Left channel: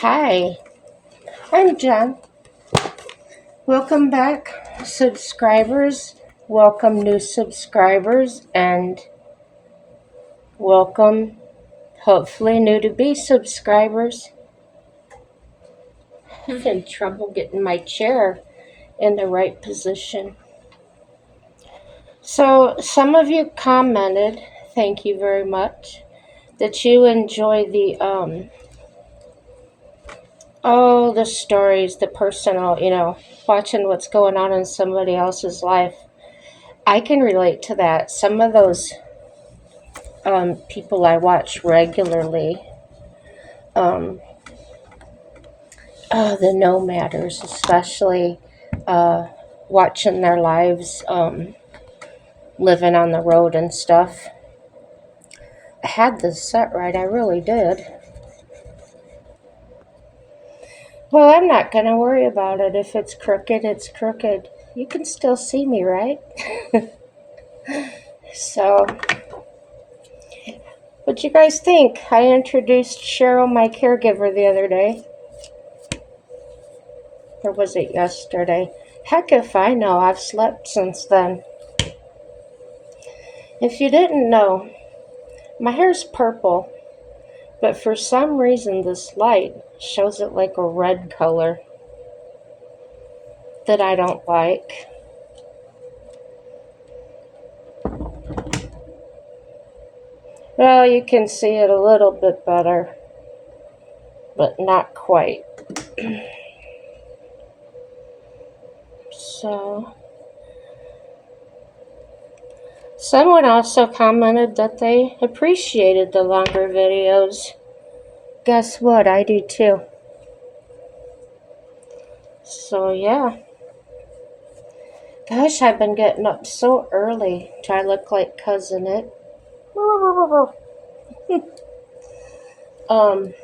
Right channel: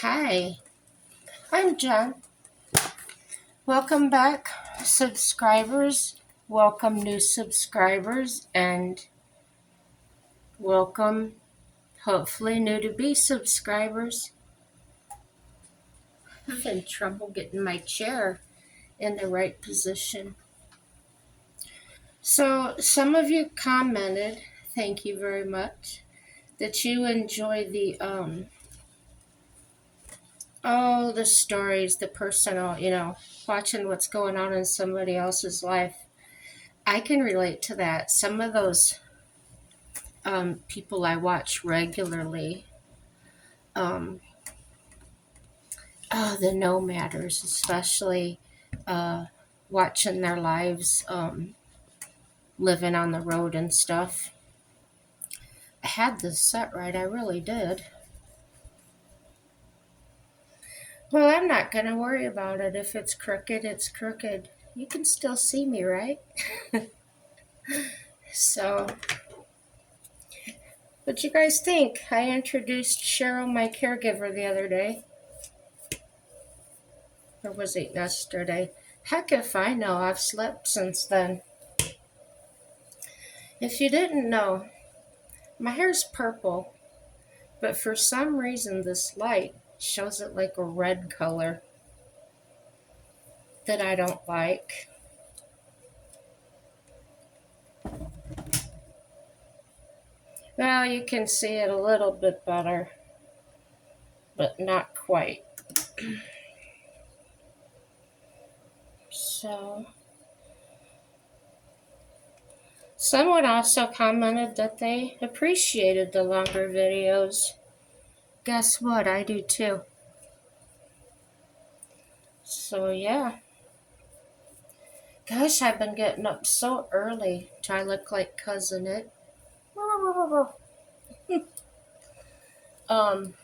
Hi, I'm Jen. Welcome back, subscribers. Welcome, new subscribers, and welcome, hopefully, new to be subscribers. I'm having trouble getting my chair in the right position. So, some of you commented, thank you very much, that you enjoy the stories, the personal, watching what's going on in somebody else's life. I can relate to that. Some of those people I watch regularly, um, the nomaders, especially watching their lives, living on the road and stuff. I had this set right, I really did. Well, I'm not going to worry about it. If it's crooked, it's crooked. You can still see me, right? So, what you guys think? I introduced Cheryl, my caregiver, the other day. Or was it yesterday? Heck if I know. I've slept since then. If you didn't know, my hair's purple, but for some reason this light shows it like a red color that I don't like. Well, you can see it a little bit better, but not quite. So, someone also commented that they appreciated the longer videos. Guess what? I do too. So, yeah. Gosh, I've been getting up so early. Do I look like Cousin It? um,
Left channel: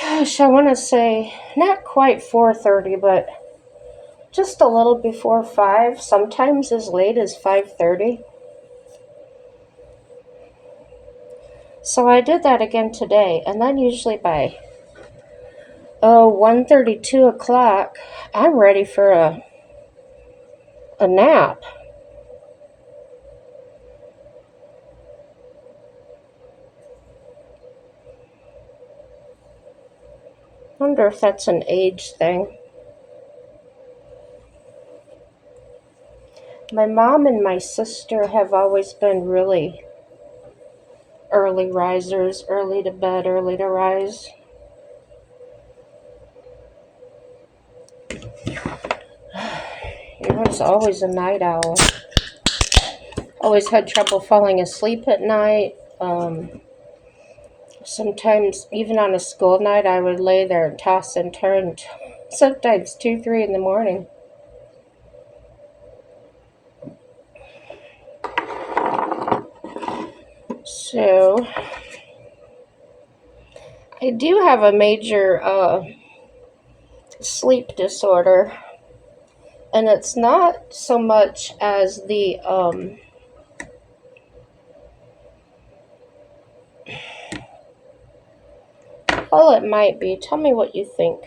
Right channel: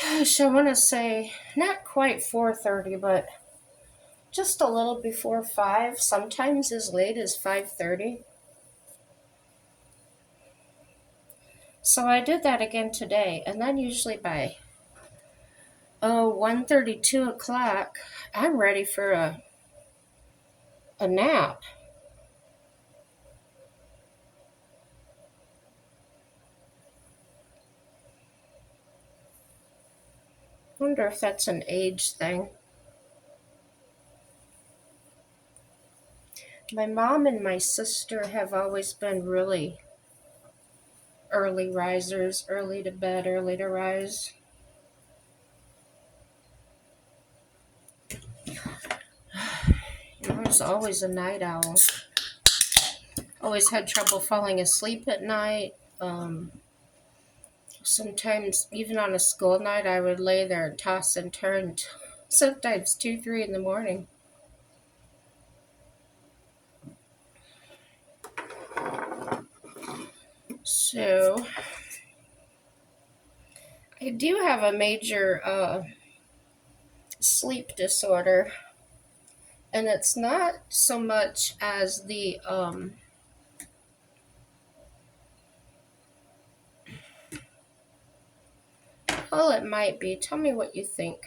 Gosh, I want to say not quite 4:30, but just a little before 5, sometimes as late as 5:30. So I did that again today, and then usually by 1:30, 2 o'clock, I'm ready for a nap. Wonder if that's an age thing. My mom and my sister have always been really early risers, early to bed, early to rise. I was always a night owl. Always had trouble falling asleep at night. Sometimes, even on a school night, I would lay there and toss and turn, sometimes 2, 3 in the morning. So, I do have a major sleep disorder, and it's not so much as well, it might be. Tell me what you think.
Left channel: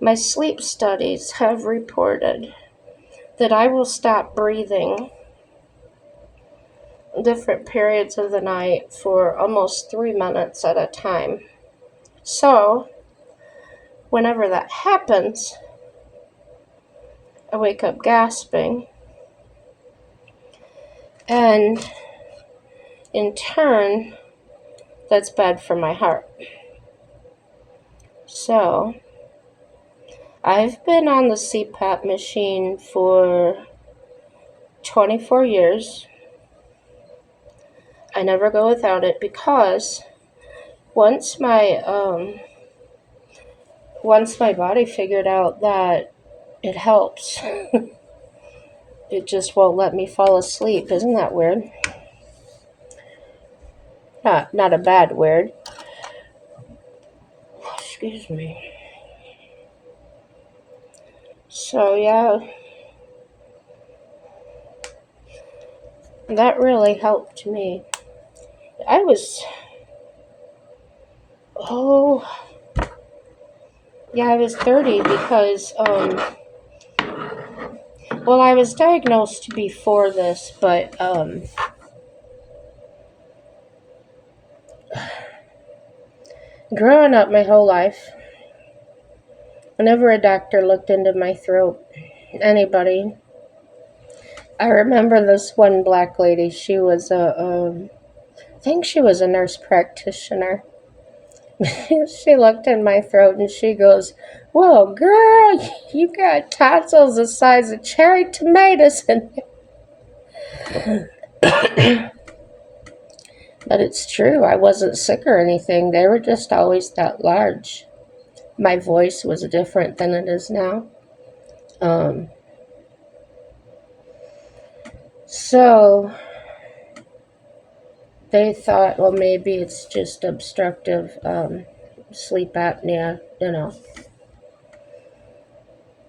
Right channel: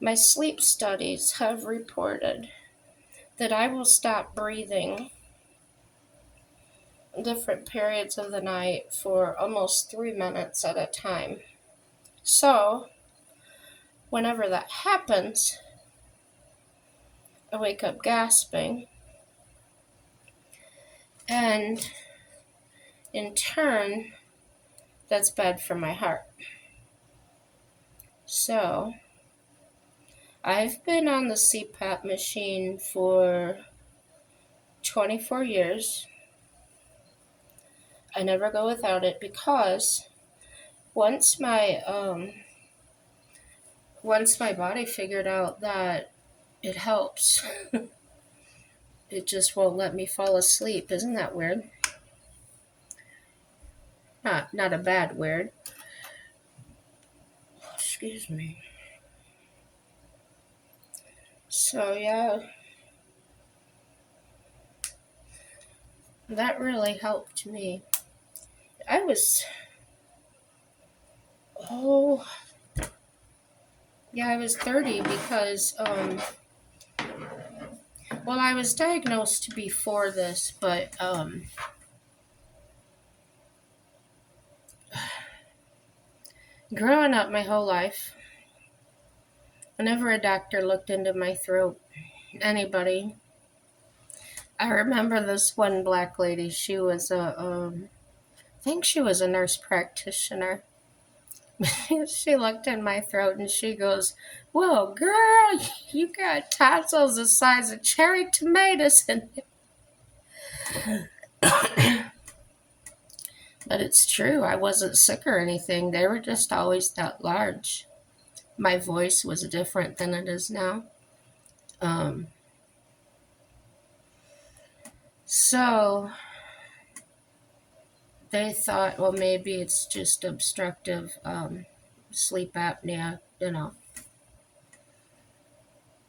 My sleep studies have reported that I will stop breathing different periods of the night for almost 3 minutes at a time. So, whenever that happens, I wake up gasping, and in turn, that's bad for my heart. So, I've been on the CPAP machine for 24 years. I never go without it because once my once my body figured out that it helps, it just won't let me fall asleep. Isn't that weird? Not a bad word. Excuse me. So yeah, that really helped me. I was, oh, yeah, I was 30 because, well, I was diagnosed before this, but, growing up my whole life, whenever a doctor looked into my throat, anybody, I remember this one black lady. She was I think she was a nurse practitioner. She looked in my throat and she goes, "Whoa, girl, you got tonsils the size of cherry tomatoes." But it's true. I wasn't sick or anything. They were just always that large. My voice was different than it is now. Um, so they thought, well, maybe it's just obstructive sleep apnea, you know.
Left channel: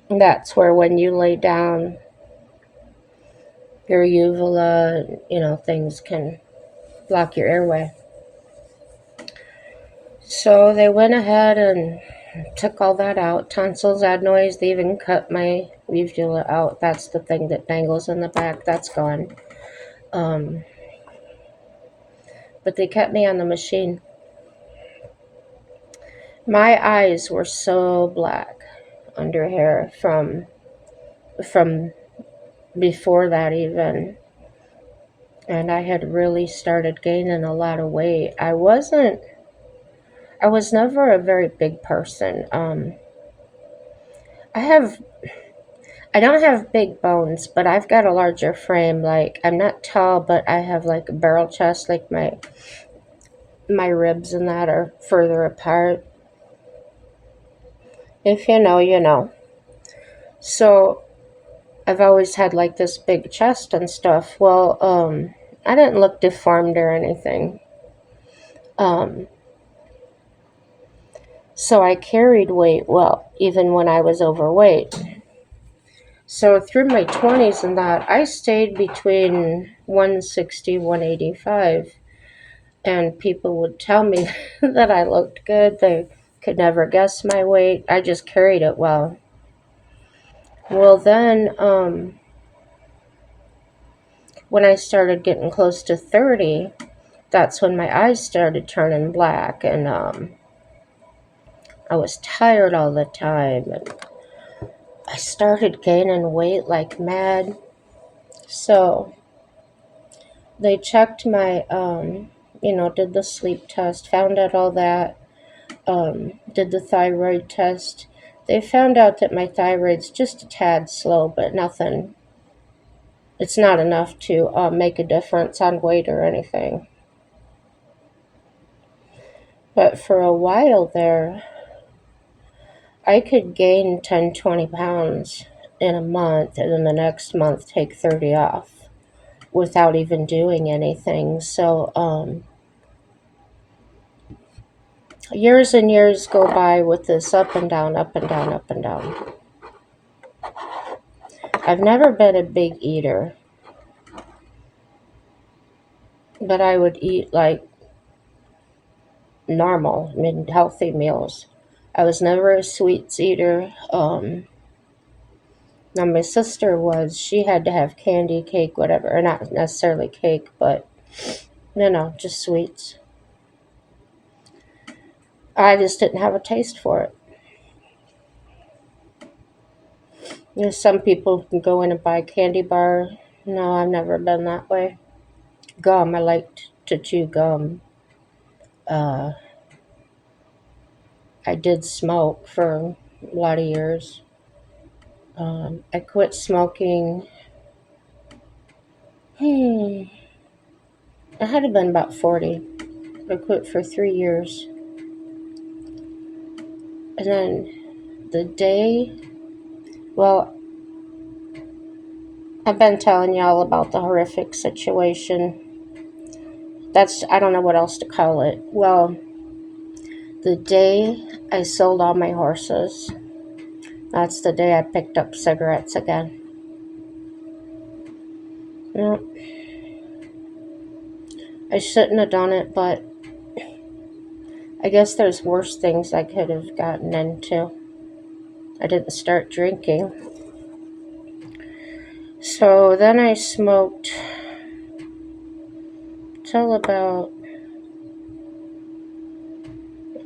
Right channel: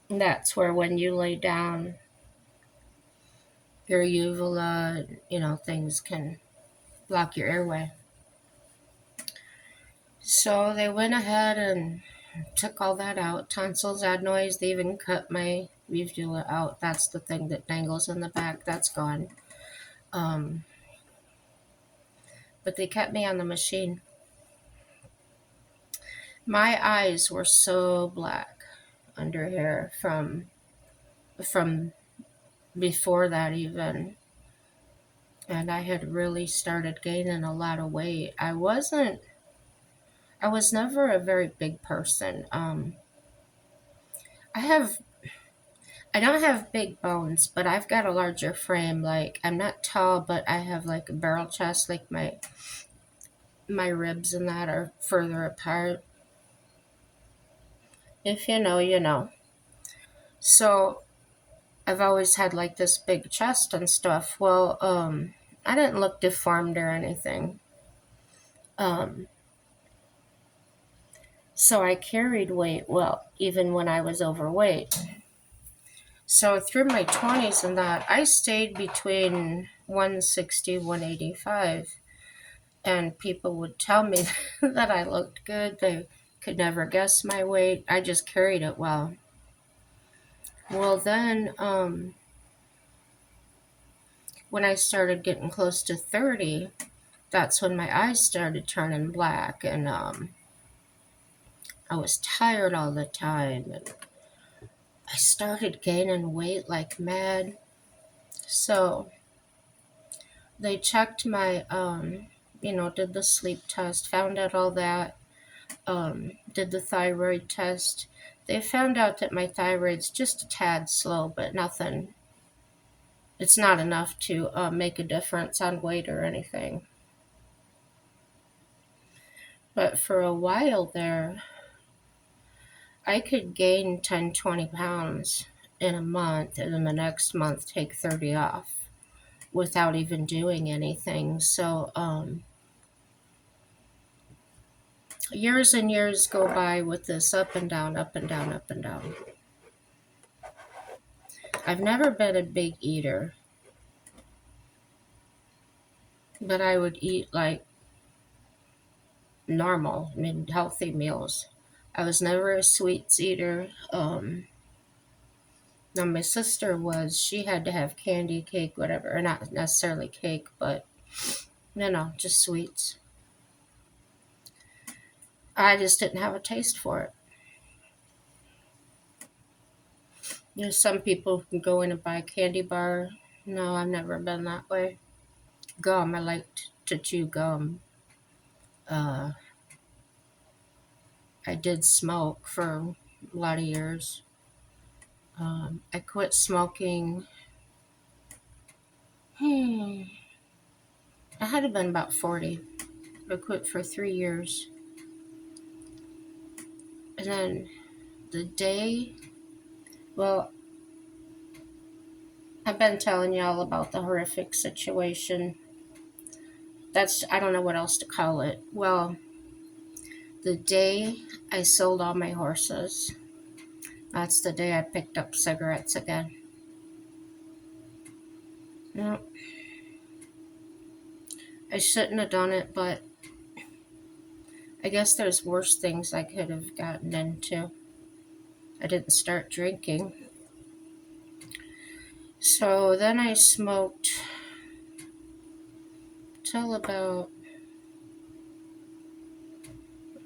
And that's where when you lay down, your uvula, you know, things can block your airway. So they went ahead and took all that out. Tonsils, adenoids, they even cut my uvula out. That's the thing that dangles in the back. That's gone. Um, but they kept me on the machine. My eyes were so black under hair from before that even. And I had really started gaining a lot of weight. I was never a very big person. I have I don't have big bones, but I've got a larger frame. Like I'm not tall, but I have like a barrel chest. Like my ribs and that are further apart. If you know, you know. So I've always had like this big chest and stuff. Well, I didn't look deformed or anything. Um, so I carried weight well, even when I was overweight. So through my 20s and that, I stayed between 160, 185. And people would tell me that I looked good. They could never guess my weight. I just carried it well. Well, then, when I started getting close to 30, that's when my eyes started turning black, and I was tired all the time, and I started gaining weight like mad. So they checked my, did the sleep test, found out all that, did the thyroid test. They found out that my thyroid's just a tad slow, but nothing. It's not enough to make a difference on weight or anything. But for a while there, I could gain 10, 20 pounds in a month, and then the next month take 30 off without even doing anything. So years and years go by with this up and down, up and down, up and down. I've never been a big eater, but I would eat like normal, I mean, healthy meals. I was never a sweets eater. Now my sister was. She had to have candy, cake, whatever, or not necessarily cake, but just sweets. I just didn't have a taste for it. Some people can go in and buy a candy bar. No, I've never been that way. Gum, I liked to chew gum. Uh, I did smoke for a lot of years. I quit smoking. Hmm, I had to been about 40. I quit for 3 years. And then the day, well, I've been telling y'all about the horrific situation. I don't know what else to call it. Well, the day I sold all my horses, that's the day I picked up cigarettes again. Yep. I shouldn't have done it, but I guess there's worse things I could have gotten into. I didn't start drinking. So then I smoked till about,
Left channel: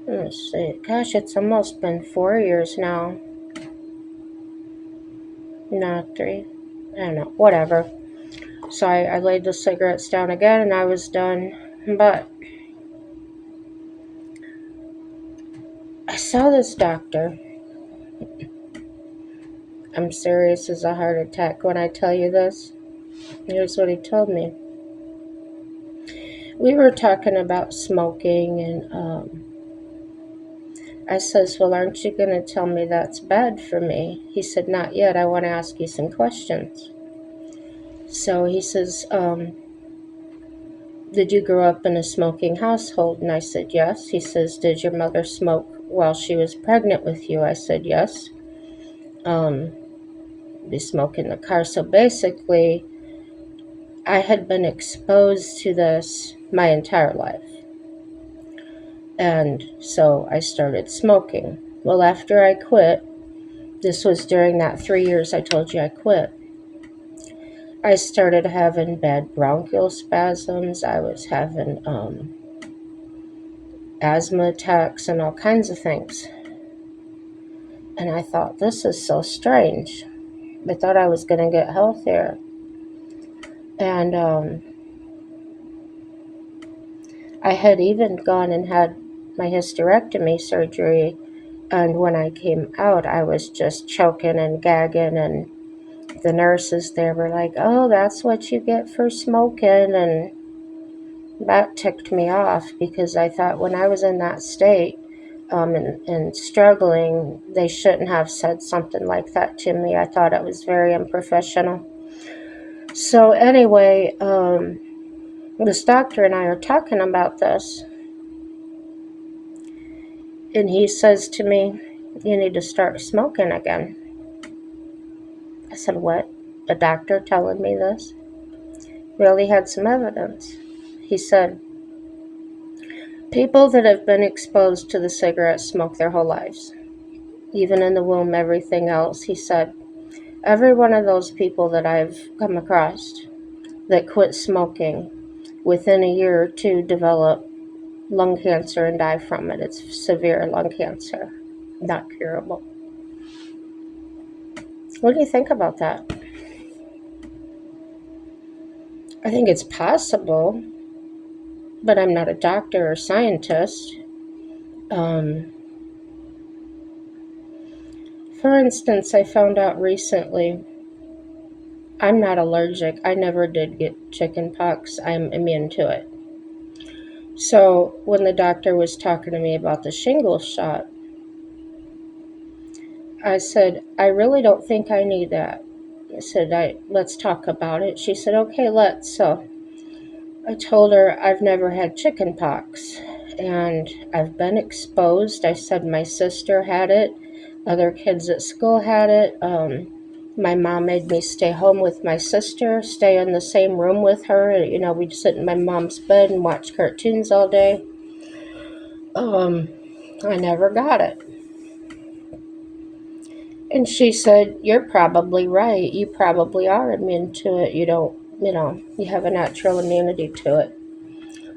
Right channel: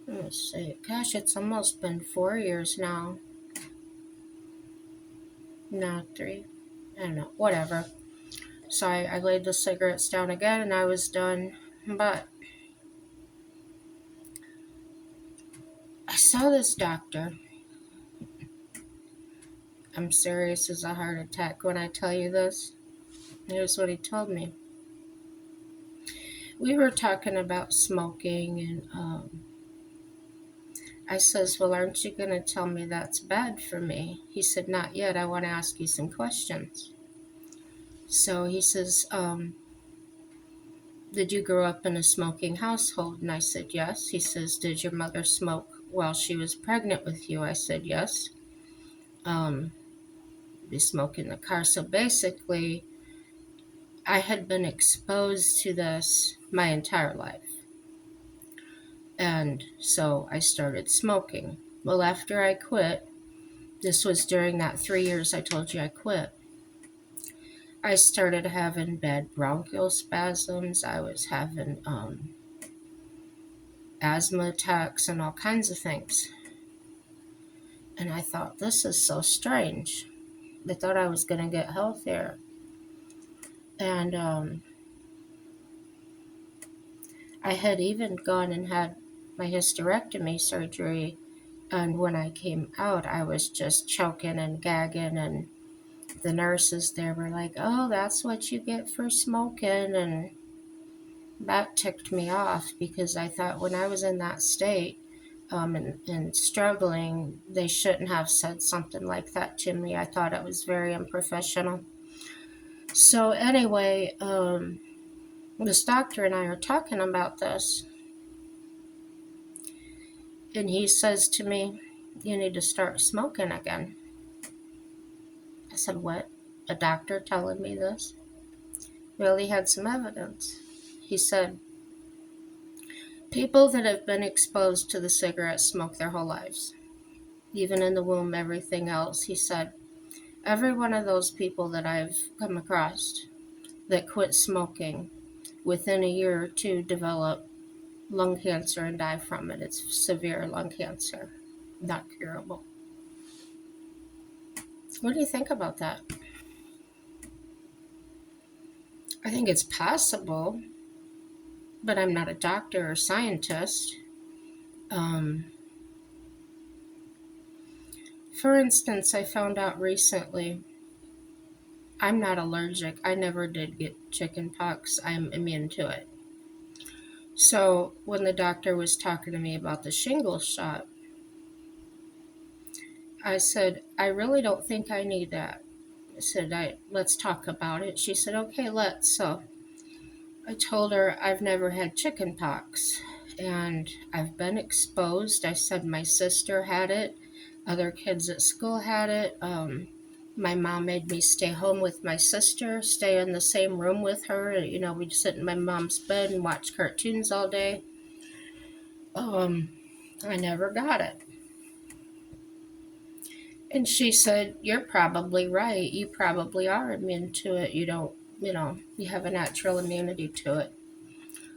let's see, gosh, it's almost been 4 years now. Not 3. I don't know, whatever. So I laid the cigarettes down again and I was done. But I saw this doctor. I'm serious as a heart attack when I tell you this. Here's what he told me. We were talking about smoking, and I says, well, aren't you going to tell me that's bad for me? He said, not yet. I want to ask you some questions. So he says, did you grow up in a smoking household? And I said, yes. He says, did your mother smoke while she was pregnant with you? I said, yes. They smoke in the car. So basically, I had been exposed to this my entire life. And so I started smoking. Well, after I quit, this was during that 3 years I told you I quit, I started having bad bronchial spasms. I was having asthma attacks and all kinds of things. And I thought, this is so strange. I thought I was going to get healthier. And I had even gone and had my hysterectomy surgery. And when I came out, I was just choking and gagging. And the nurses there were like, oh, that's what you get for smoking. And that ticked me off because I thought when I was in that state and struggling, they shouldn't have said something like that to me. I thought it was very unprofessional. So anyway, this doctor and I are talking about this, and he says to me, you need to start smoking again. I said, what? A doctor telling me this? Well, he had some evidence. He said, people that have been exposed to the cigarette smoke their whole lives. Even in the womb, everything else. He said, every one of those people that I've come across that quit smoking within a year or two develop lung cancer and die from it. It's severe lung cancer, not curable. What do you think about that? I think it's possible, but I'm not a doctor or scientist. For instance, I found out recently I'm not allergic. I never did get chicken pox. I'm immune to it. So when the doctor was talking to me about the shingles shot, I said, I really don't think I need that. I said, let's talk about it. She said, okay, let's. So I told her I've never had chicken pox and I've been exposed. I said my sister had it. Other kids at school had it. My mom made me stay home with my sister, stay in the same room with her. You know, we'd sit in my mom's bed and watch cartoons all day. I never got it. And she said, you're probably right. You probably are immune to it. You don't, you have a natural immunity to it.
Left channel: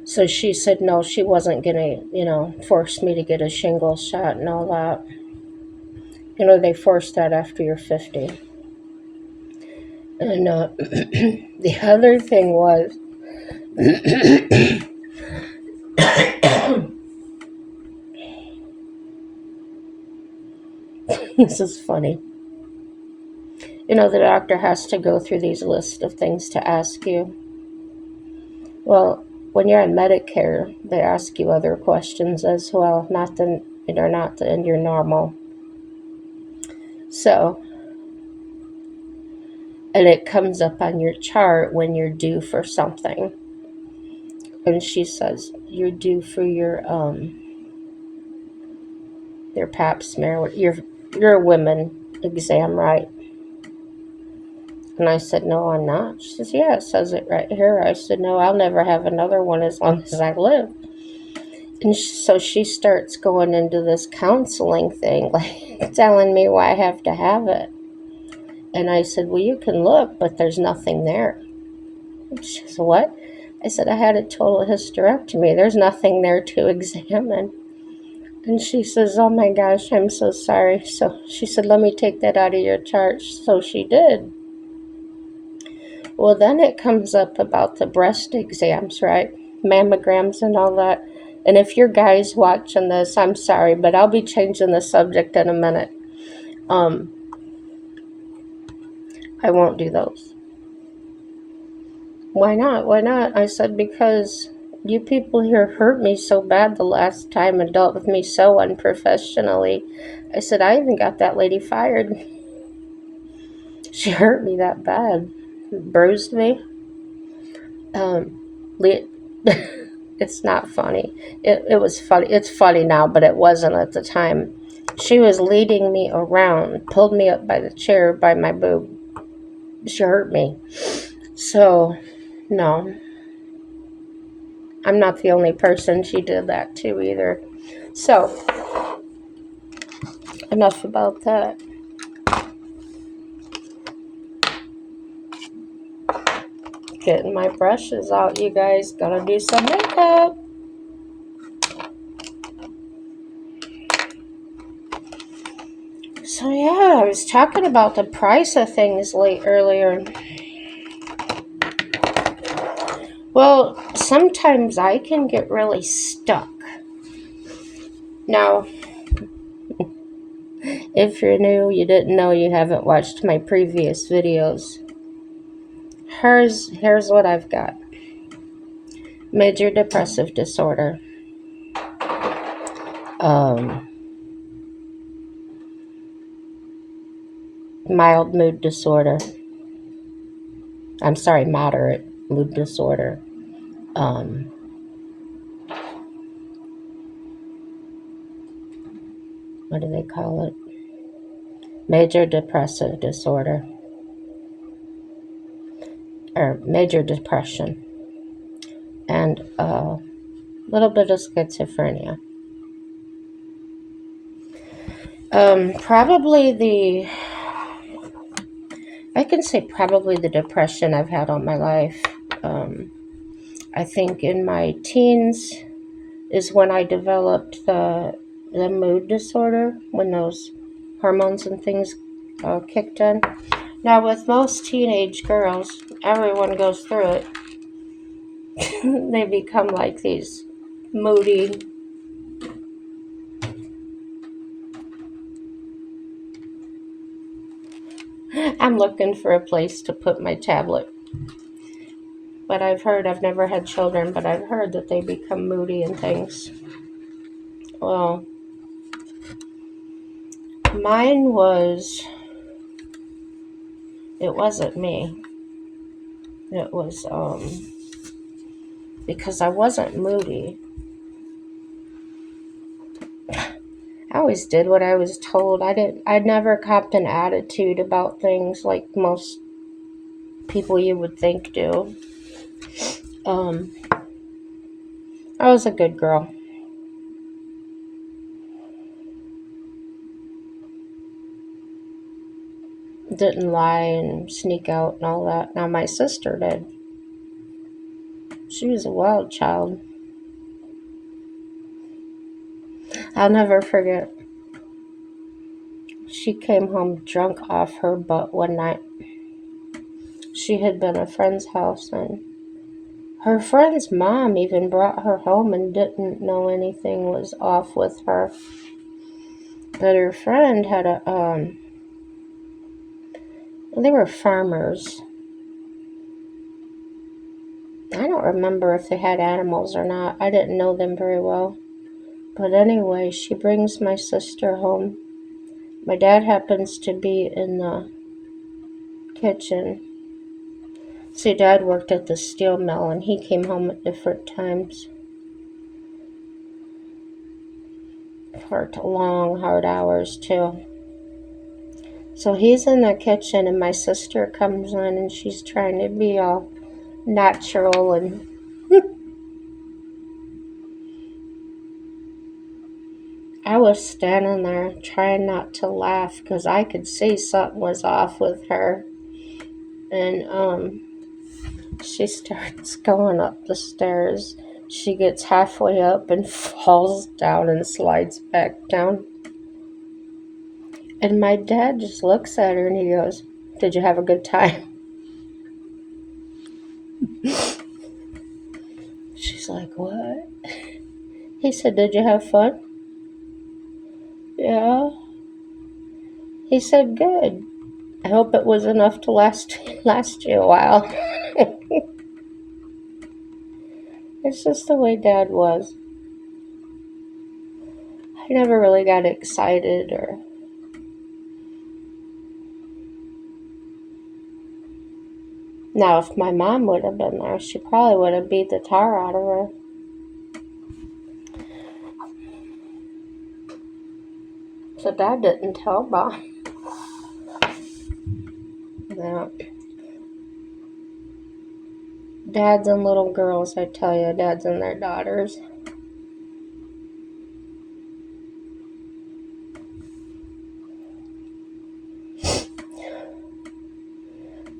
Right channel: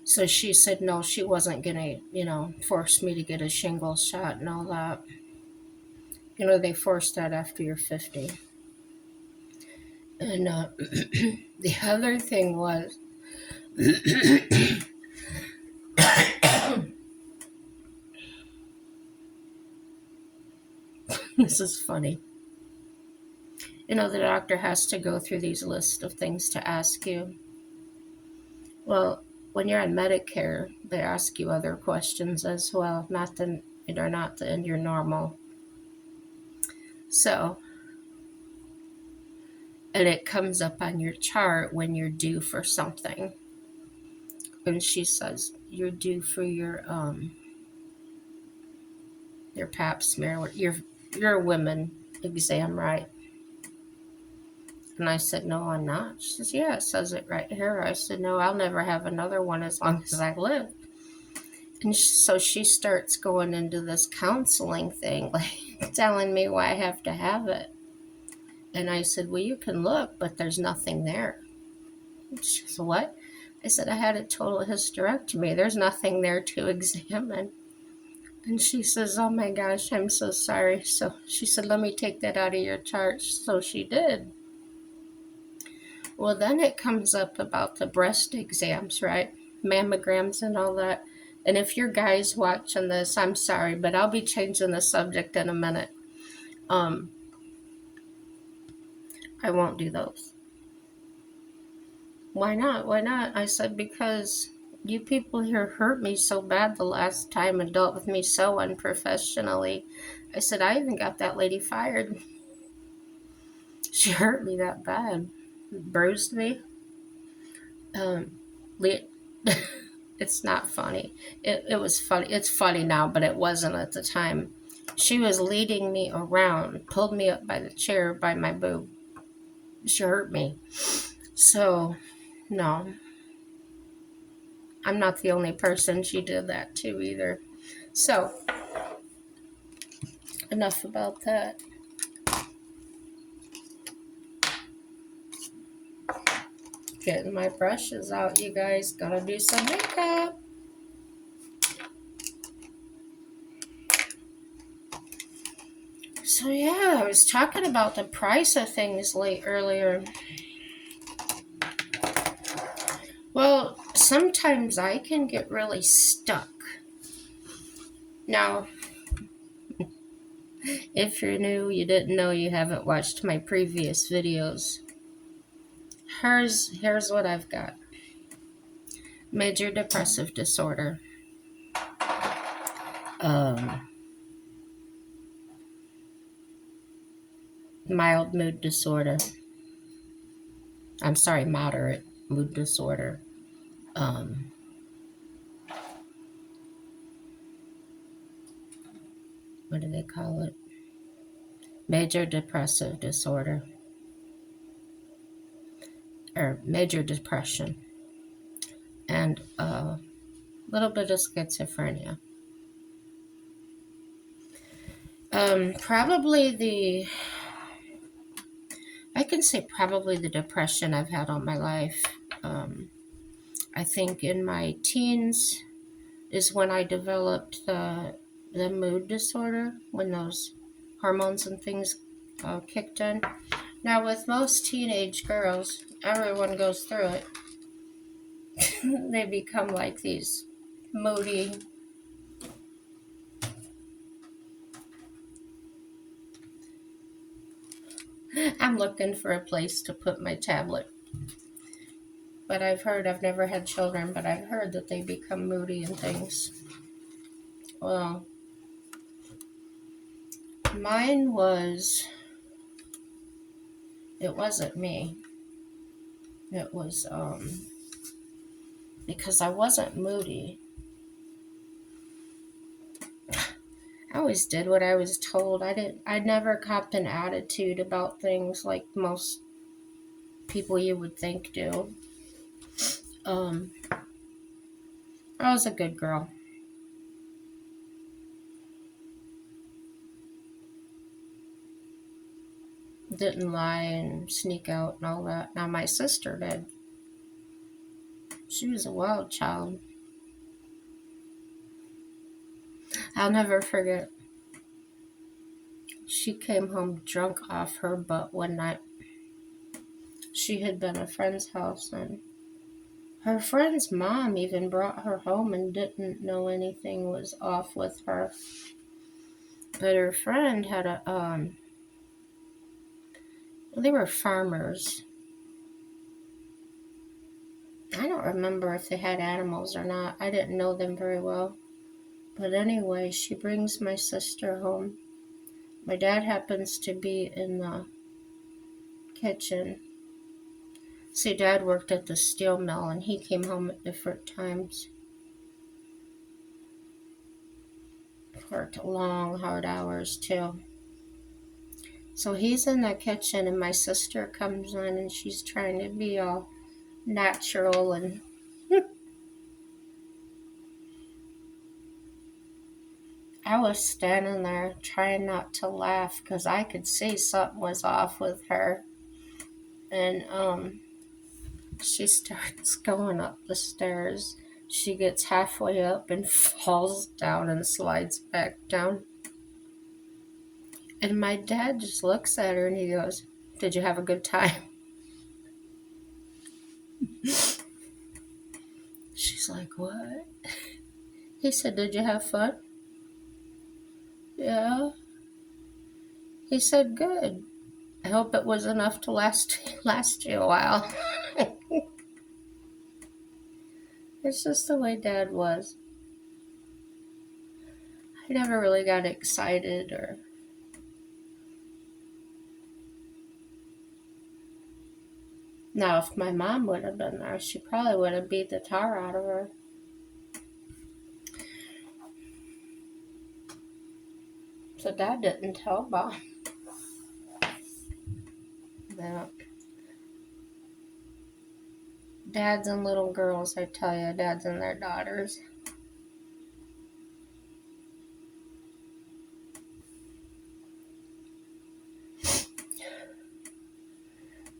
So she said, no, she wasn't going to, force me to get a shingle shot and all that. They force that after you're 50. And the other thing was, this is funny. The doctor has to go through these lists of things to ask you. Well, when you're on Medicare, they ask you other questions as well, not in your normal. So, and it comes up on your chart when you're due for something. And she says, you're due for your pap smear, your women exam, right? And I said, no, I'm not. She says, yeah, it says it right here. I said, no, I'll never have another one as long as I live. And so she starts going into this counseling thing, like telling me why I have to have it. And I said, well, you can look, but there's nothing there. She said, what? I said, I had a total hysterectomy. There's nothing there to examine. And she says, oh my gosh, I'm so sorry. So she said, let me take that out of your chart. So she did. Well, then it comes up about the breast exams, right? Mammograms and all that. And if your guys watching this, I'm sorry, but I'll be changing the subject in a minute. I won't do those. Why not? Why not? I said, because you people here hurt me so bad the last time and dealt with me so unprofessionally. I said, I even got that lady fired. She hurt me that bad. Bruised me. Um, it's not funny. It was funny. It's funny now, but it wasn't at the time. She was leading me around, pulled me up by the chair by my boob. She hurt me. So, no. I'm not the only person she did that to either. So, enough about that. Getting my brushes out, you guys. Gotta do some makeup. So yeah, I was talking about the price of things earlier. Well, sometimes I can get really stuck. Now, if you're new, you didn't know, you haven't watched my previous videos. Here's what I've got. Major depressive disorder. Mild mood disorder. I'm sorry, moderate mood disorder. What do they call it? Major depressive disorder. Or major depression. And a little bit of schizophrenia. I can say probably the depression I've had all my life. I think in my teens is when I developed the mood disorder, when those hormones and things kicked in. Now, with most teenage girls, everyone goes through it. They become like these moody, I'm looking for a place to put my tablet. But I've never had children, but I've heard that they become moody and things. Well, mine was, it wasn't me. It was, because I wasn't moody. I always did what I was told. I never copped an attitude about things like most people you would think do. I was a good girl. Didn't lie and sneak out and all that. Now my sister did. She was a wild child. I'll never forget. She came home drunk off her butt one night. She had been at a friend's house, and her friend's mom even brought her home and didn't know anything was off with her. But her friend had they were farmers. I don't remember if they had animals or not. I didn't know them very well. But anyway, she brings my sister home. My dad happens to be in the kitchen. See, Dad worked at the steel mill, and he came home at different times. Worked long, hard hours, too. So he's in the kitchen, and my sister comes in, and she's trying to be all natural, and I was standing there trying not to laugh because I could see something was off with her. And she starts going up the stairs. She gets halfway up and falls down and slides back down. And my dad just looks at her and he goes, "Did you have a good time?" She's like, "What?" He said, "Did you have fun?" "Yeah." He said, "Good. I hope it was enough to last you a while." It's just the way Dad was. I never really got excited or. Now, if my mom would have been there, she probably would have beat the tar out of her. So Dad didn't tell Mom. Yeah. Dads and little girls, I tell you, dads and their daughters.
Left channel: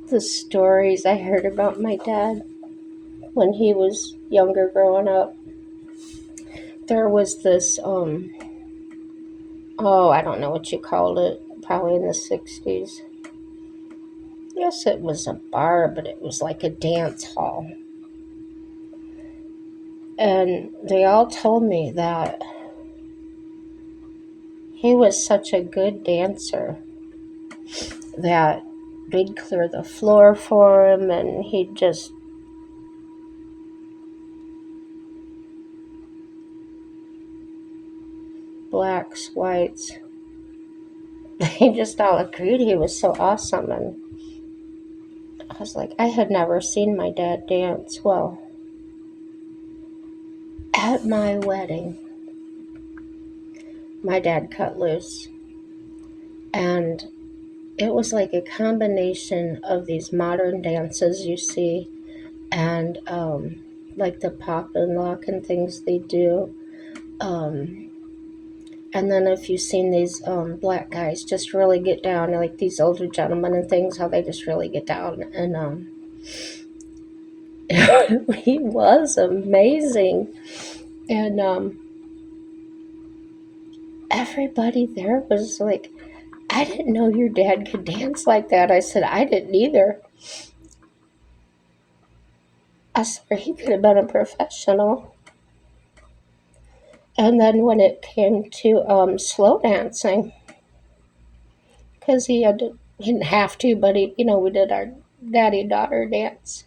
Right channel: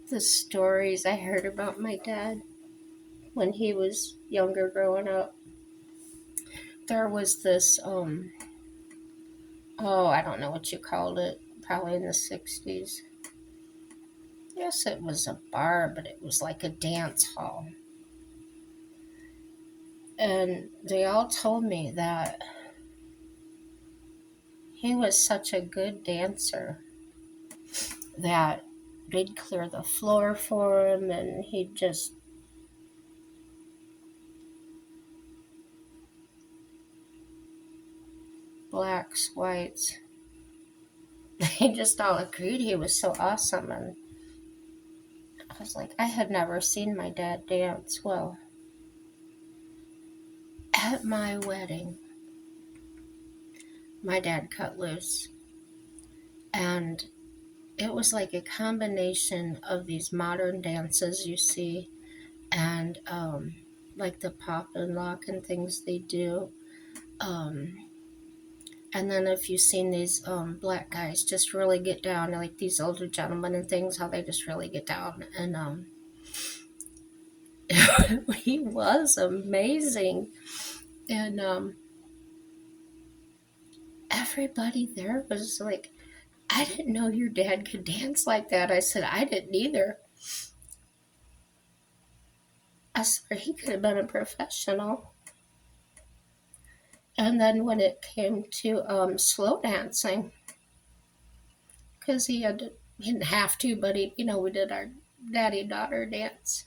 The stories I heard about my dad when he was younger growing up. There was this, I don't know what you called it, probably in the 60s. Yes, it was a bar, but it was like a dance hall. And they all told me that he was such a good dancer that they'd clear the floor for him and he'd just blacks, whites. They just all agreed he was so awesome. And I was like, I had never seen my dad dance. Well, at my wedding, my dad cut loose. And it was like a combination of these modern dances you see and like the pop and lock and things they do. And then if you've seen these black guys just really get down, like these older gentlemen and things, how they just really get down. And he was amazing. And everybody there was like, "I didn't know your dad could dance like that." I said, "I didn't either." I swear he could have been a professional. And then when it came to slow dancing, because he didn't have to, but we did our daddy-daughter dance.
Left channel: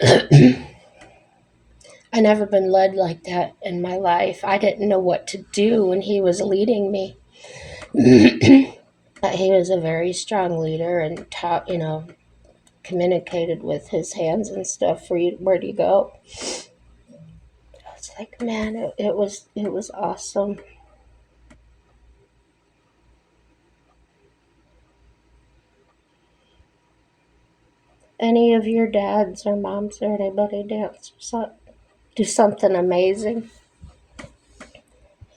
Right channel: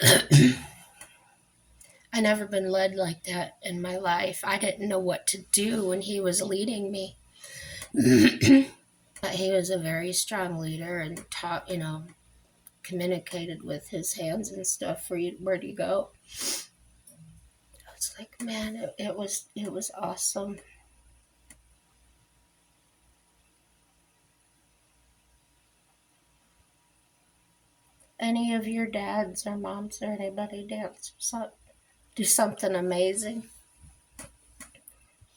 I never been led like that in my life. I didn't know what to do when he was leading me. He was a very strong leader and taught, communicated with his hands and stuff for you. Where do you go? I was like, man, it was awesome. Any of your dads or moms or anybody dance or do something amazing?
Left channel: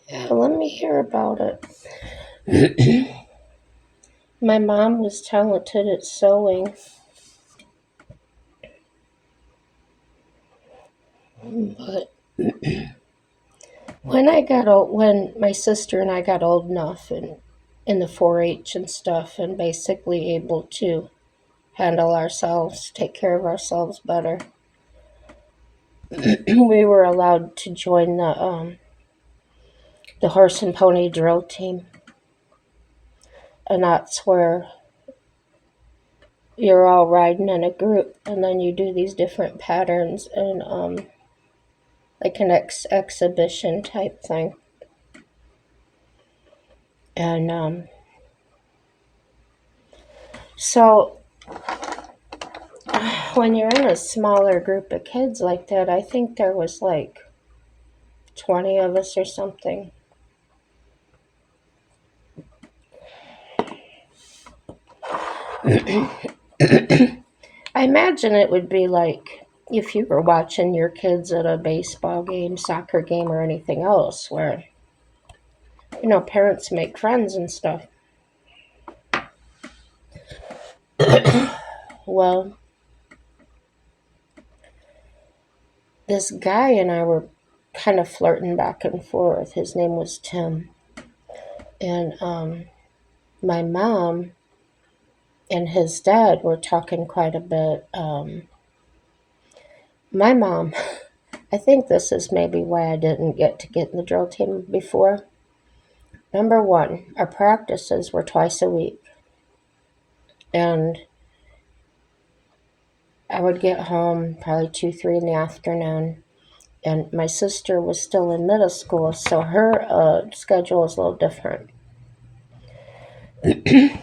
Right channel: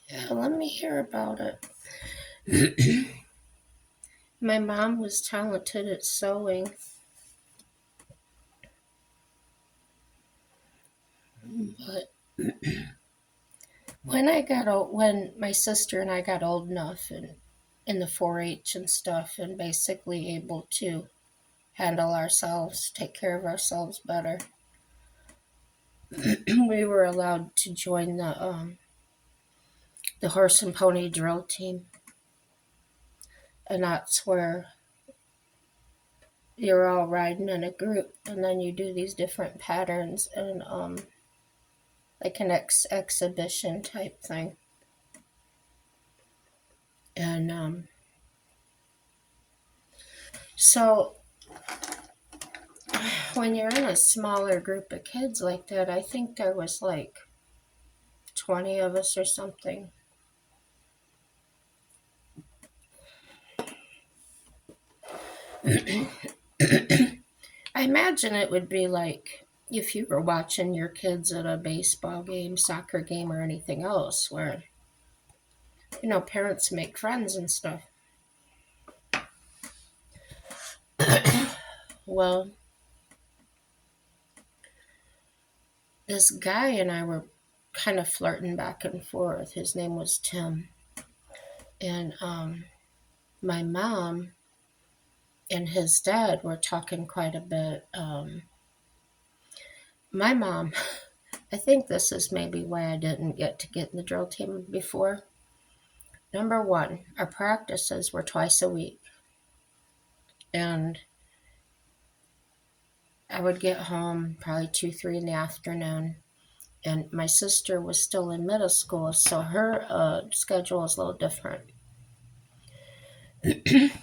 Yeah, let me hear about it. My mom was talented at sewing, but when my sister and I got old enough and in the 4-H and stuff, and basically able to handle ourselves, take care of ourselves better, we were allowed to join the horse and pony drill team, and that's where you're all riding in a group, and then you do these different patterns and like an exhibition type thing. And so when you're in a smaller group of kids like that, I think there was like 20 of us or something. I imagine it would be like if you were watching your kids at a baseball game, soccer game, or anything else where, parents make friends and stuff. Well, this guy and I were kind of flirting back and forth. His name was Tim. And my mom and his dad were talking quite a bit. My mom, I think this is maybe why I didn't get in the drill team before. Number one, our practices were twice a week. And I would get home probably 2, 3 in the afternoon. And my sister was still in middle school, so her schedule was a little different. I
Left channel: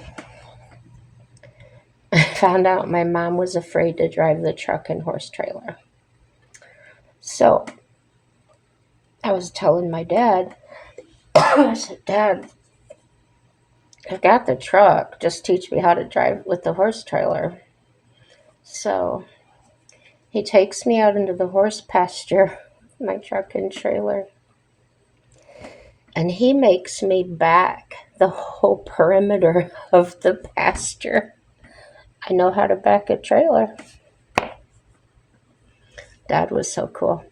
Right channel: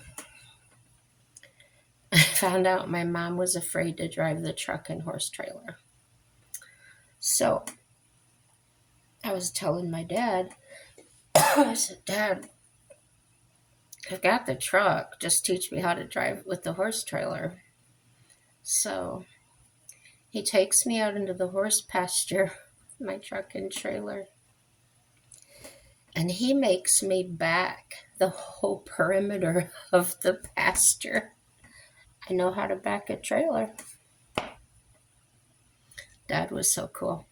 found out my mom was afraid to drive the truck and horse trailer. So I was telling my dad, I said, Dad, I've got the truck. Just teach me how to drive with the horse trailer. So he takes me out into the horse pasture, my truck and trailer, and he makes me back the whole perimeter of the pasture. I know how to back a trailer. Dad was so cool.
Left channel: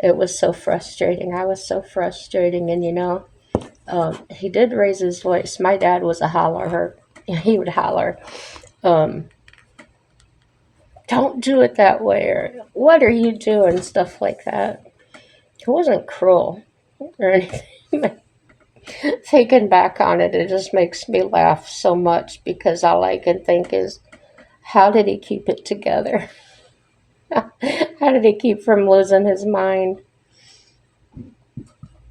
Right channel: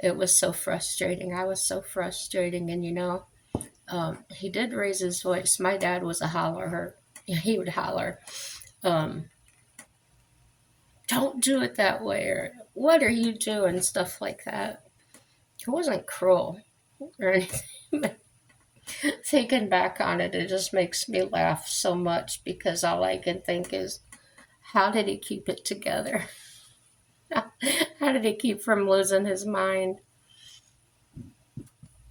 It was so frustrating. I was so frustrating. And he did raise his voice. My dad was a hollerer. He would holler, don't do it that way, or what are you doing, stuff like that. It wasn't cruel or anything. But thinking back on it, it just makes me laugh so much because all I can think is, how did he keep it together? How did he keep from losing his mind?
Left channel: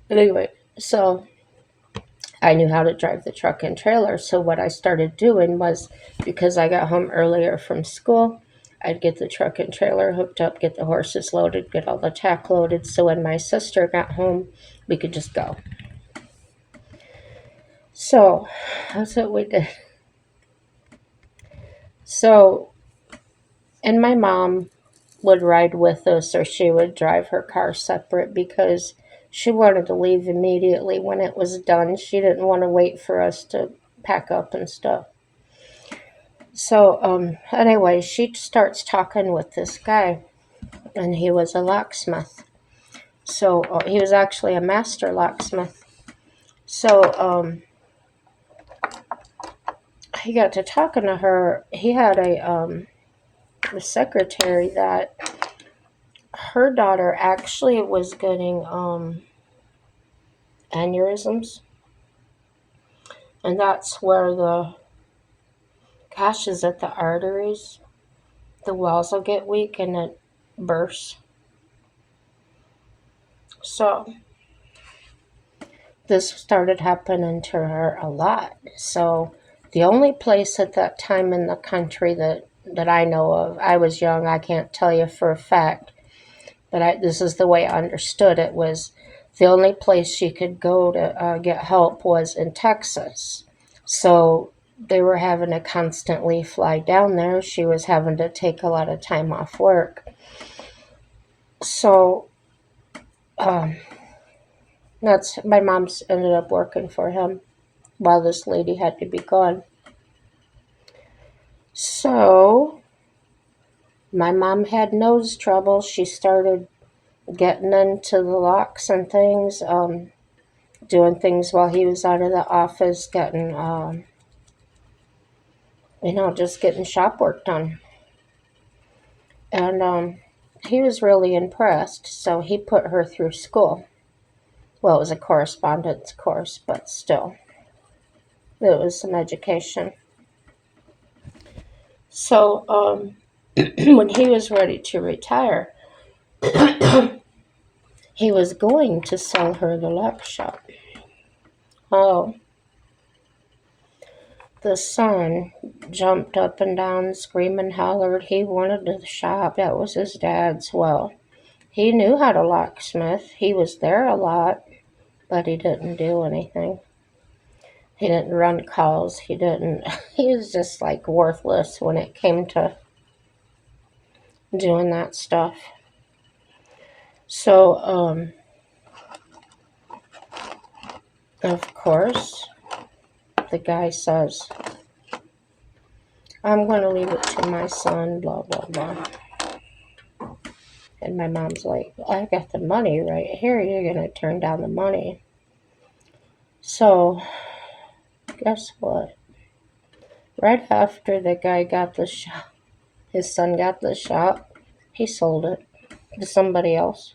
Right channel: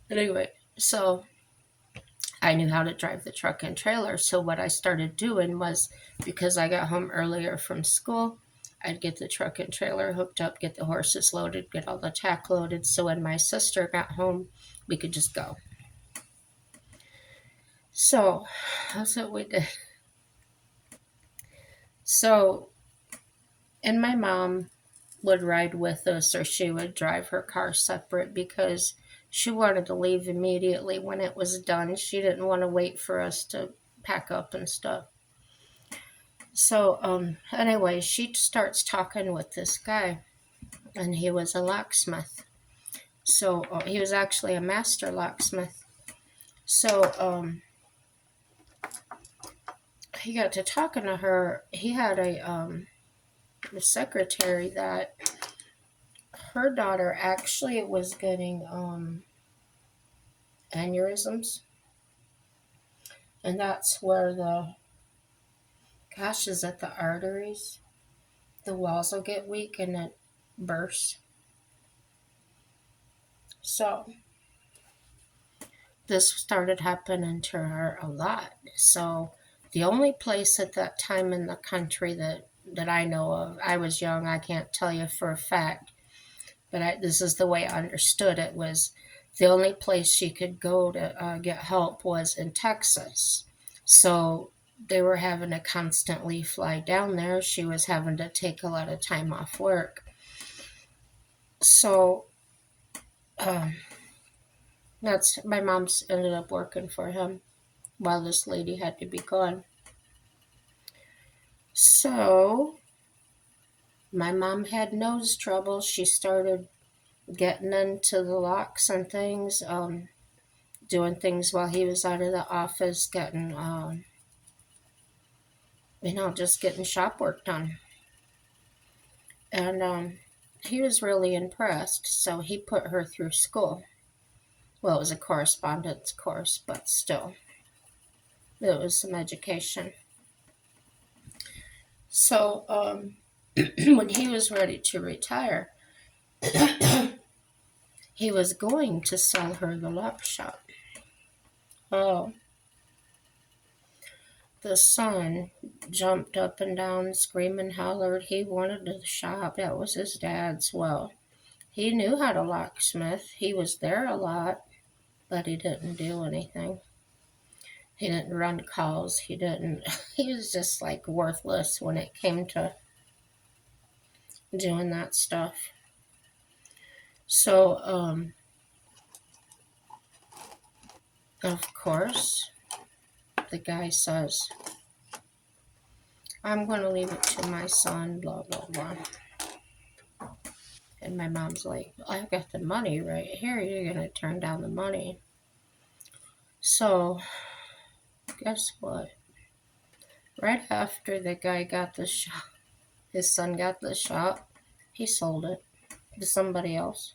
Anyway, so I knew how to drive the truck and trailer. So what I started doing was, because I got home earlier from school, I'd get the truck and trailer hooked up, get the horses loaded, get all the tack loaded. So when my sister got home, we could just go. So that's what we did. So, and my mom would ride with us, or she would drive her car separate because she wanted to leave immediately when it was done. She didn't want to wait for us to pack up and stuff. So, anyway, she starts talking with this guy, and he was a locksmith. So, he was actually a master locksmith. So, he got to talking to her. He had a secretary that her daughter actually was getting aneurysms, and that's where is at the arteries, the walls will get weak and it bursts. So this started happening to her a lot. So the only place at that time in the country that I know of, I was young, I can't tell you for a fact, but this is the way I understood it, was the only place she could go to get help was in Texas. So they were having to constantly fly down there. She was having to take a lot of time off work. So that's my mom's ended up working for him while this lady had to be gone. So my mom had nose trouble. She started getting into the locks and things, doing things while he was out of the office, getting, just getting shop work done. And he was really impressed, so he put her through school. Well, it was a correspondence course, but still, it was some education. So, when he was ready to retire, he was going to sell her the lock shop. Oh, the son jumped up and down, screaming, hollered. He wanted the shop. That was his dad's. Well, he knew how to locksmith. He was there a lot, but he didn't do anything. He didn't run calls. He didn't, he was just like worthless when it came to doing that stuff. So, of course, the guy says, I'm going to leave it to my son, blah, blah, blah. And my mom's like, I got the money right here. You're going to turn down the money. So, guess what? Right after the guy got the shop, his son got the shop, he sold it to somebody else.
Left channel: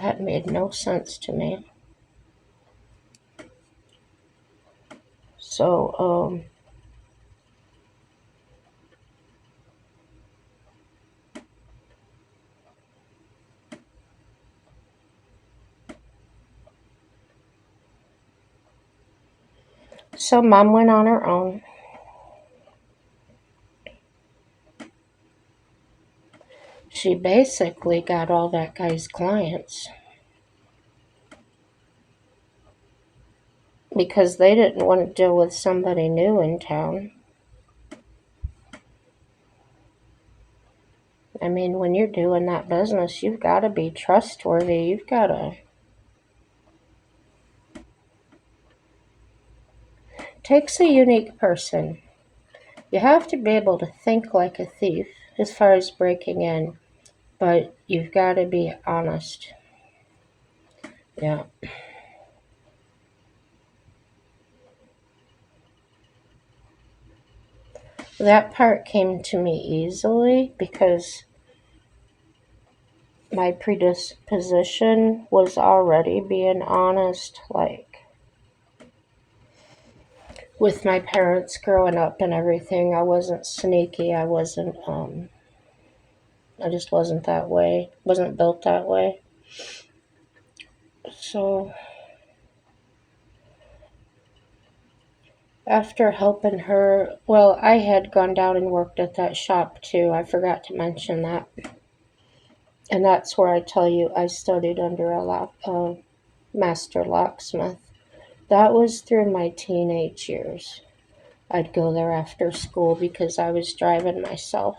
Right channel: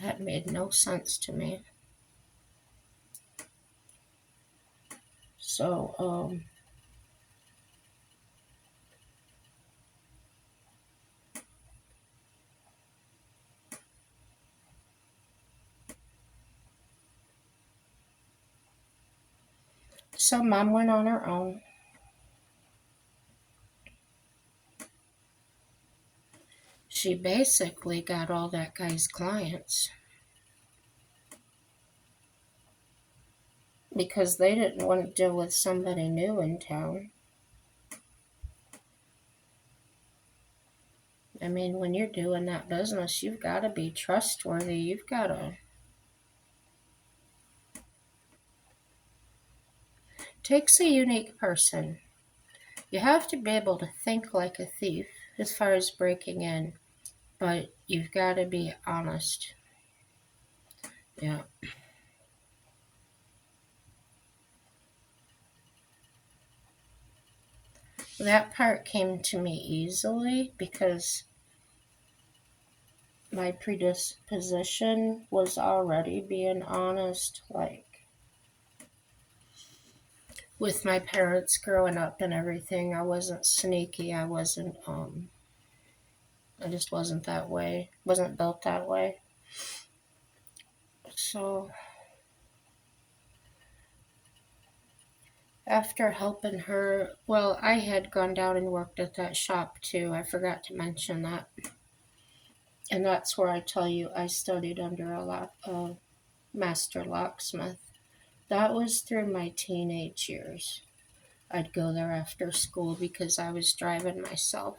That made no sense to me. So, so mom went on her own. She basically got all that guy's clients because they didn't want to deal with somebody new in town. I mean, when you're doing that business, you've got to be trustworthy. You've got to. Takes a unique person. You have to be able to think like a thief as far as breaking in, but you've got to be honest. Yeah. That part came to me easily because my predisposition was already being honest, like with my parents growing up and everything. I wasn't sneaky. I just wasn't that way. Wasn't built that way. So after helping her, well, I had gone down and worked at that shop too. I forgot to mention that. And that's where I tell you I studied under a master locksmith. That was through my teenage years. I'd go there after school because I was driving myself.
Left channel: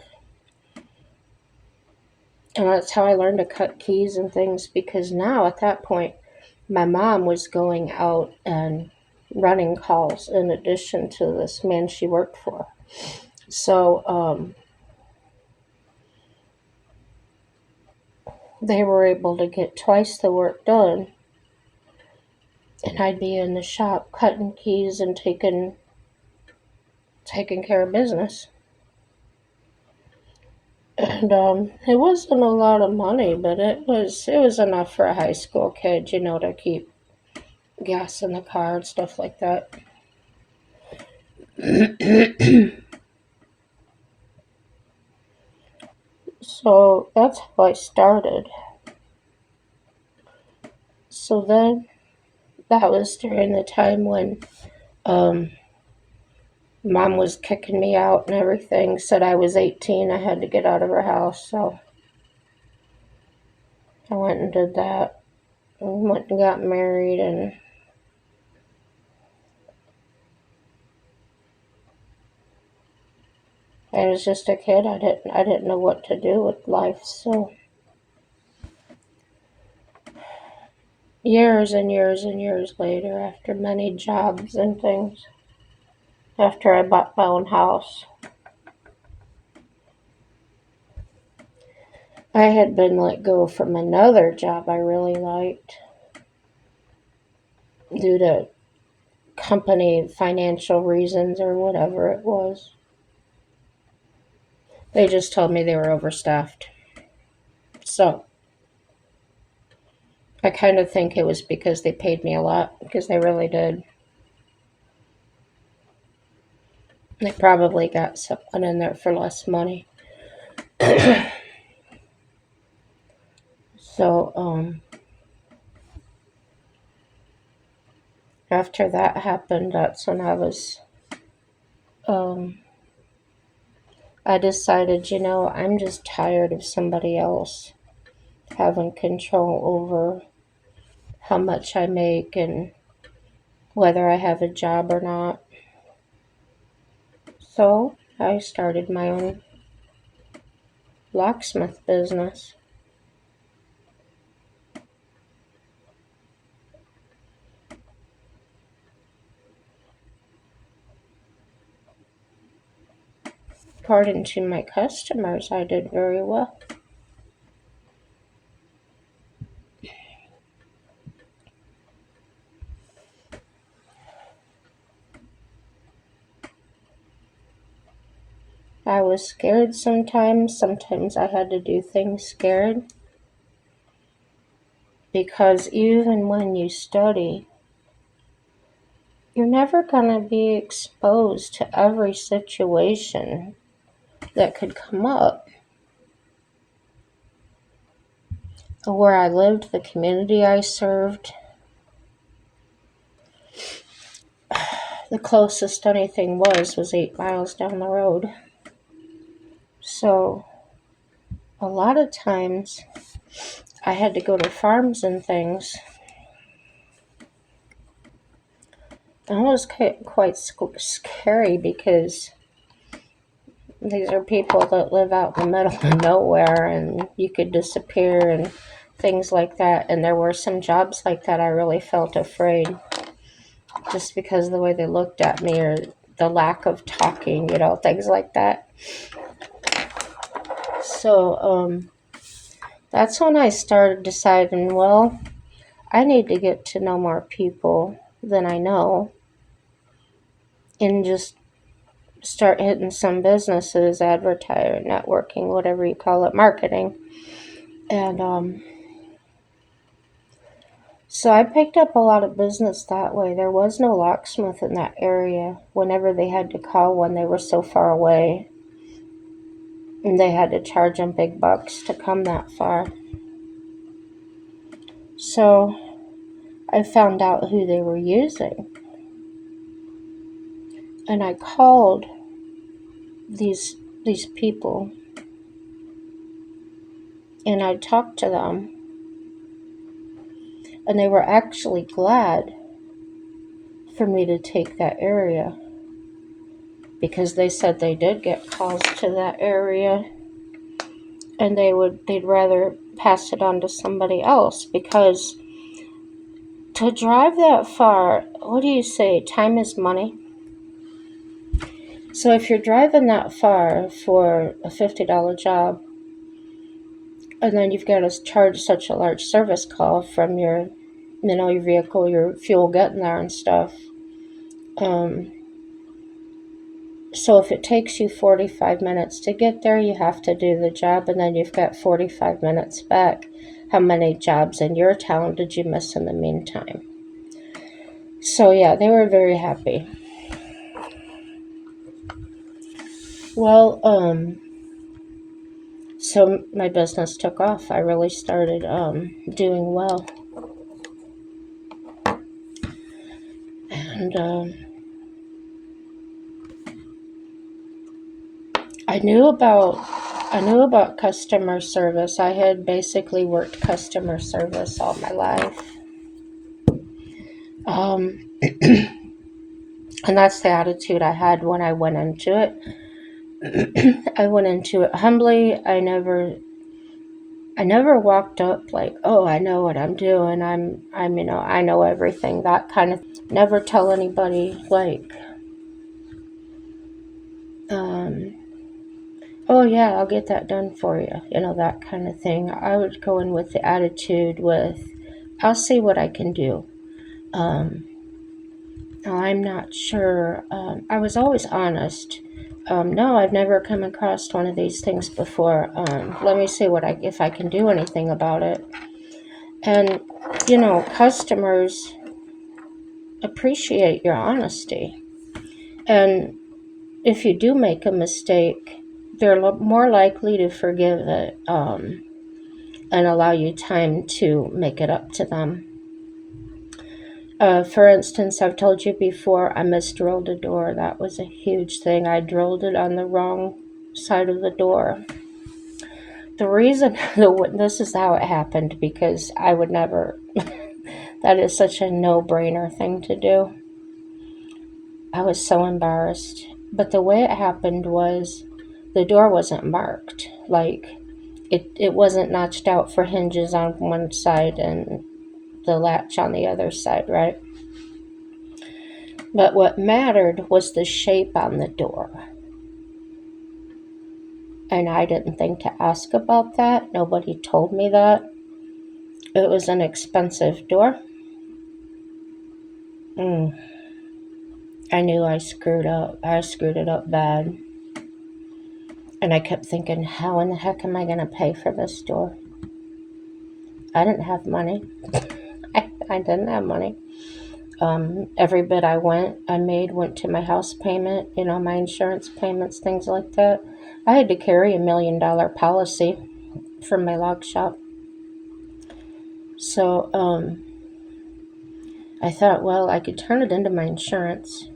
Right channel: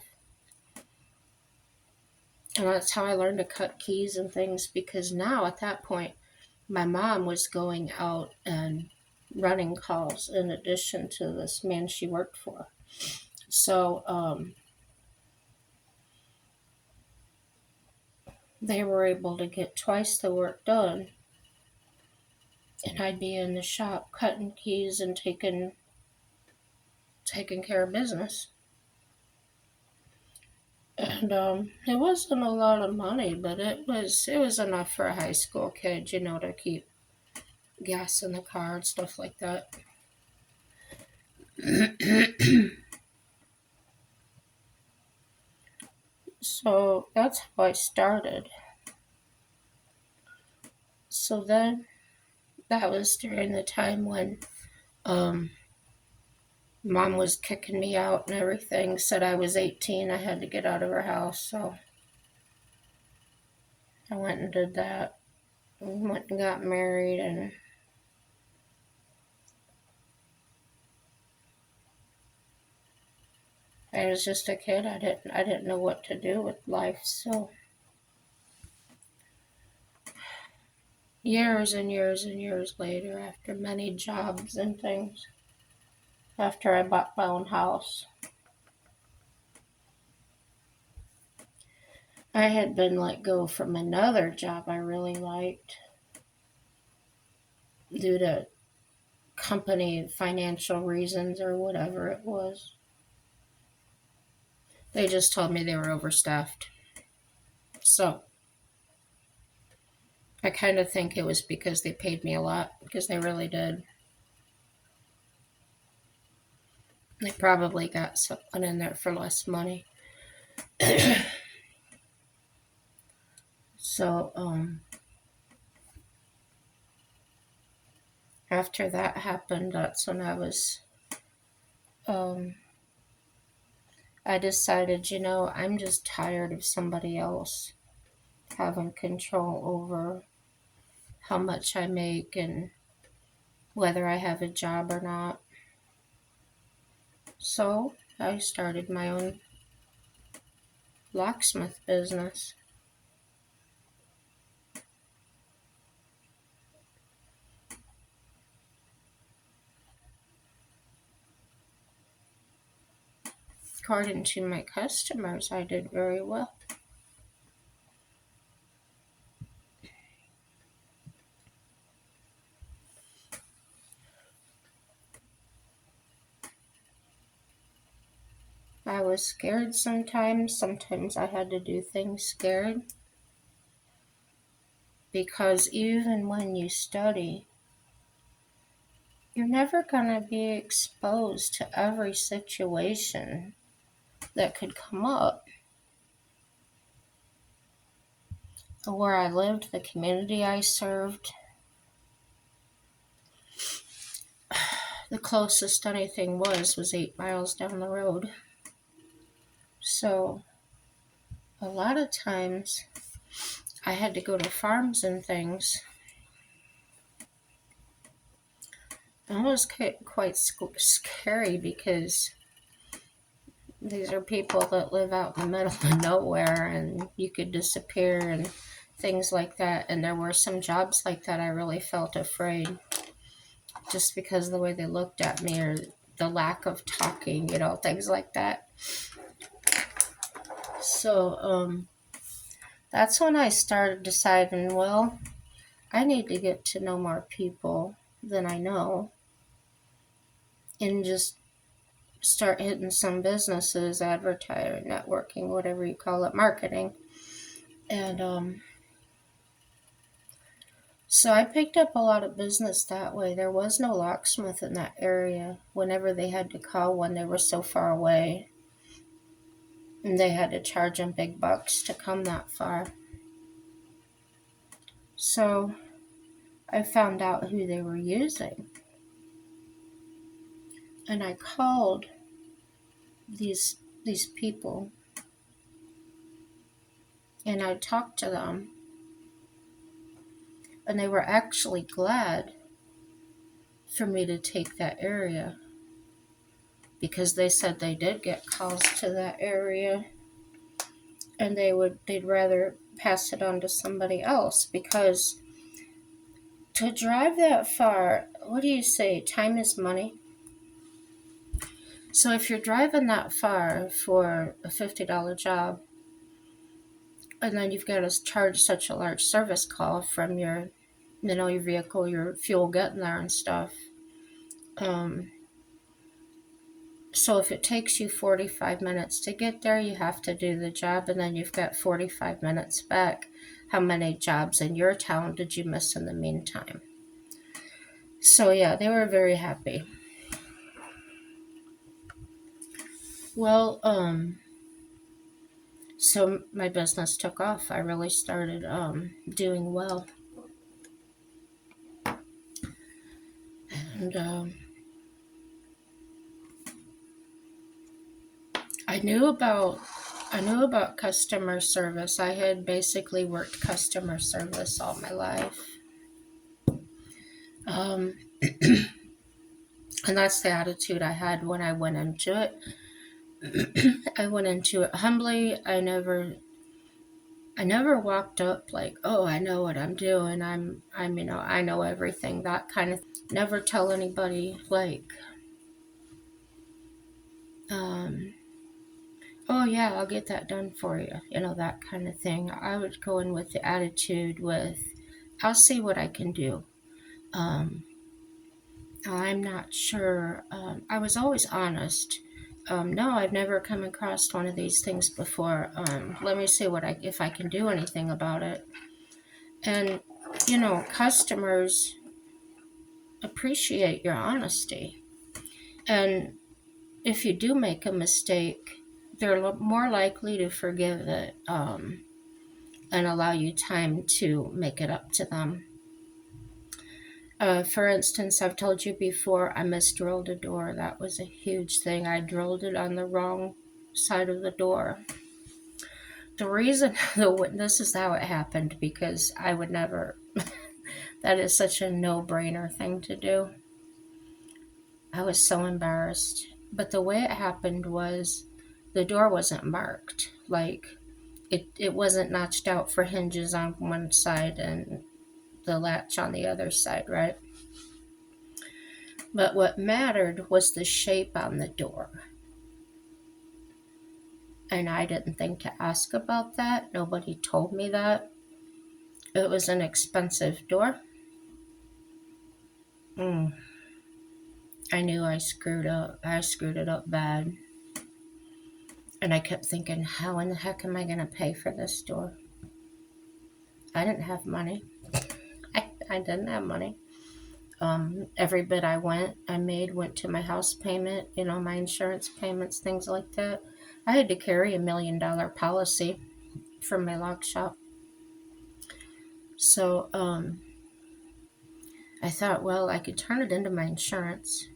And that's how I learned to cut keys and things because now at that point, my mom was going out and running calls in addition to this man she worked for. So they were able to get twice the work done. And I'd be in the shop cutting keys and taking care of business. And it wasn't a lot of money, but it was enough for a high school kid, to keep gas in the car and stuff like that. So that's how I started. So then that was during the time when mom was kicking me out and everything, said I was 18, I had to get out of her house. So I went and did that. And went and got married, and I was just a kid. I didn't know what to do with life. So years and years and years later, after many jobs and things, after I bought my own house, I had been let go from another job I really liked due to company financial reasons or whatever it was. They just told me they were overstaffed. So I kind of think it was because they paid me a lot, because they really did. They probably got someone in there for less money. So, after that happened, that's when I decided, I'm just tired of somebody else. having control over how much I make and whether I have a job or not. So I started my own locksmith business. According to my customers, I did very well. I was scared sometimes. Sometimes I had to do things scared. Because even when you study, you're never going to be exposed to every situation that could come up. Where I lived, the community I served, the closest anything was 8 miles down the road. So a lot of times I had to go to farms and things. And it was quite scary because these are people that live out in the middle of nowhere and you could disappear and things like that. And there were some jobs like that I really felt afraid just because of the way they looked at me or the lack of talking, things like that. So that's when I started deciding, well, I need to get to know more people than I know and just start hitting some businesses, advertising, networking, whatever you call it, marketing. And so I picked up a lot of business that way. There was no locksmith in that area whenever they had to call when they were so far away. And they had to charge them big bucks to come that far. So I found out who they were using. And I called these people. And I talked to them. And they were actually glad for me to take that area. Because they said they did get calls to that area. And they'd rather pass it on to somebody else, because to drive that far, what do you say, time is money? So if you're driving that far for a $50 job, and then you've got to charge such a large service call from your vehicle, your fuel getting there and stuff. So if it takes you 45 minutes to get there, you have to do the job, and then you've got 45 minutes back. How many jobs in your town did you miss in the meantime? So yeah, they were very happy. Well, so my business took off. I really started doing well. And I knew about customer service. I had basically worked customer service all my life. And that's the attitude I had when I went into it. I went into it humbly. I never walked up like, oh, I know what I'm doing. I know everything. That kind of, never tell anybody like, oh yeah, I'll get that done for you. That kind of thing. I would go in with the attitude I'll see what I can do. I'm not sure. I was always honest. No, I've never come across one of these things before. Let me see if I can do anything about it. And, customers appreciate your honesty. And if you do make a mistake, they're more likely to forgive it and allow you time to make it up to them. For instance, I've told you before, I misdrilled a door. That was a huge thing. I drilled it on the wrong side of the door. The reason, this is how it happened because I would never, that is such a no brainer thing to do. I was so embarrassed. But the way it happened was the door wasn't marked. Like, it wasn't notched out for hinges on one side and the latch on the other side, right? But what mattered was the shape on the door. And I didn't think to ask about that. Nobody told me that. It was an expensive door. Mm, I knew I screwed up. I screwed it up bad. And I kept thinking, how in the heck am I going to pay for this door? I didn't have money. I didn't have money. Every bit I made went to my house payment, my insurance payments, things like that. I had to carry $1 million policy from my log shop. So I thought, well, I could turn it into my insurance.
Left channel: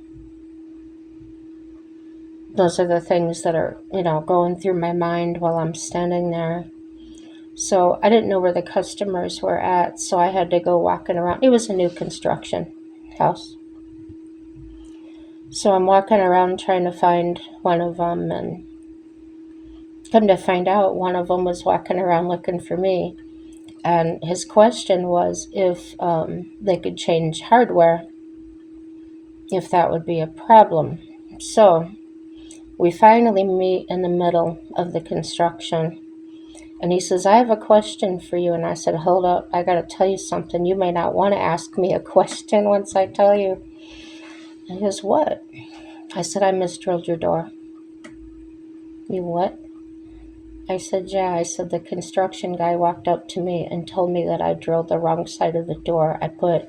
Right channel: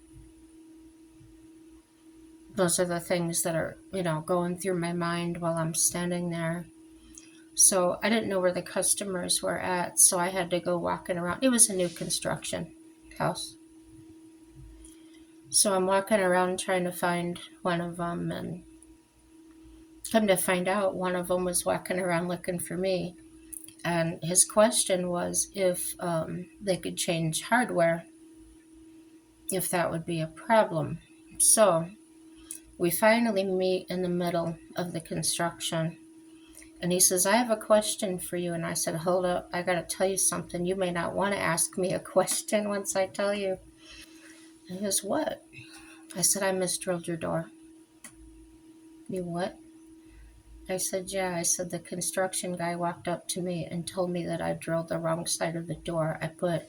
Those are the things that are, going through my mind while I'm standing there. So I didn't know where the customers were at, so I had to go walking around. It was a new construction house. So I'm walking around trying to find one of them, and come to find out, one of them was walking around looking for me. And his question was if they could change hardware, if that would be a problem. So we finally meet in the middle of the construction. And he says, I have a question for you. And I said, hold up, I got to tell you something. You may not want to ask me a question once I tell you. And he goes, what? I said, I misdrilled your door. You what? I said, yeah. I said, the construction guy walked up to me and told me that I drilled the wrong side of the door. I put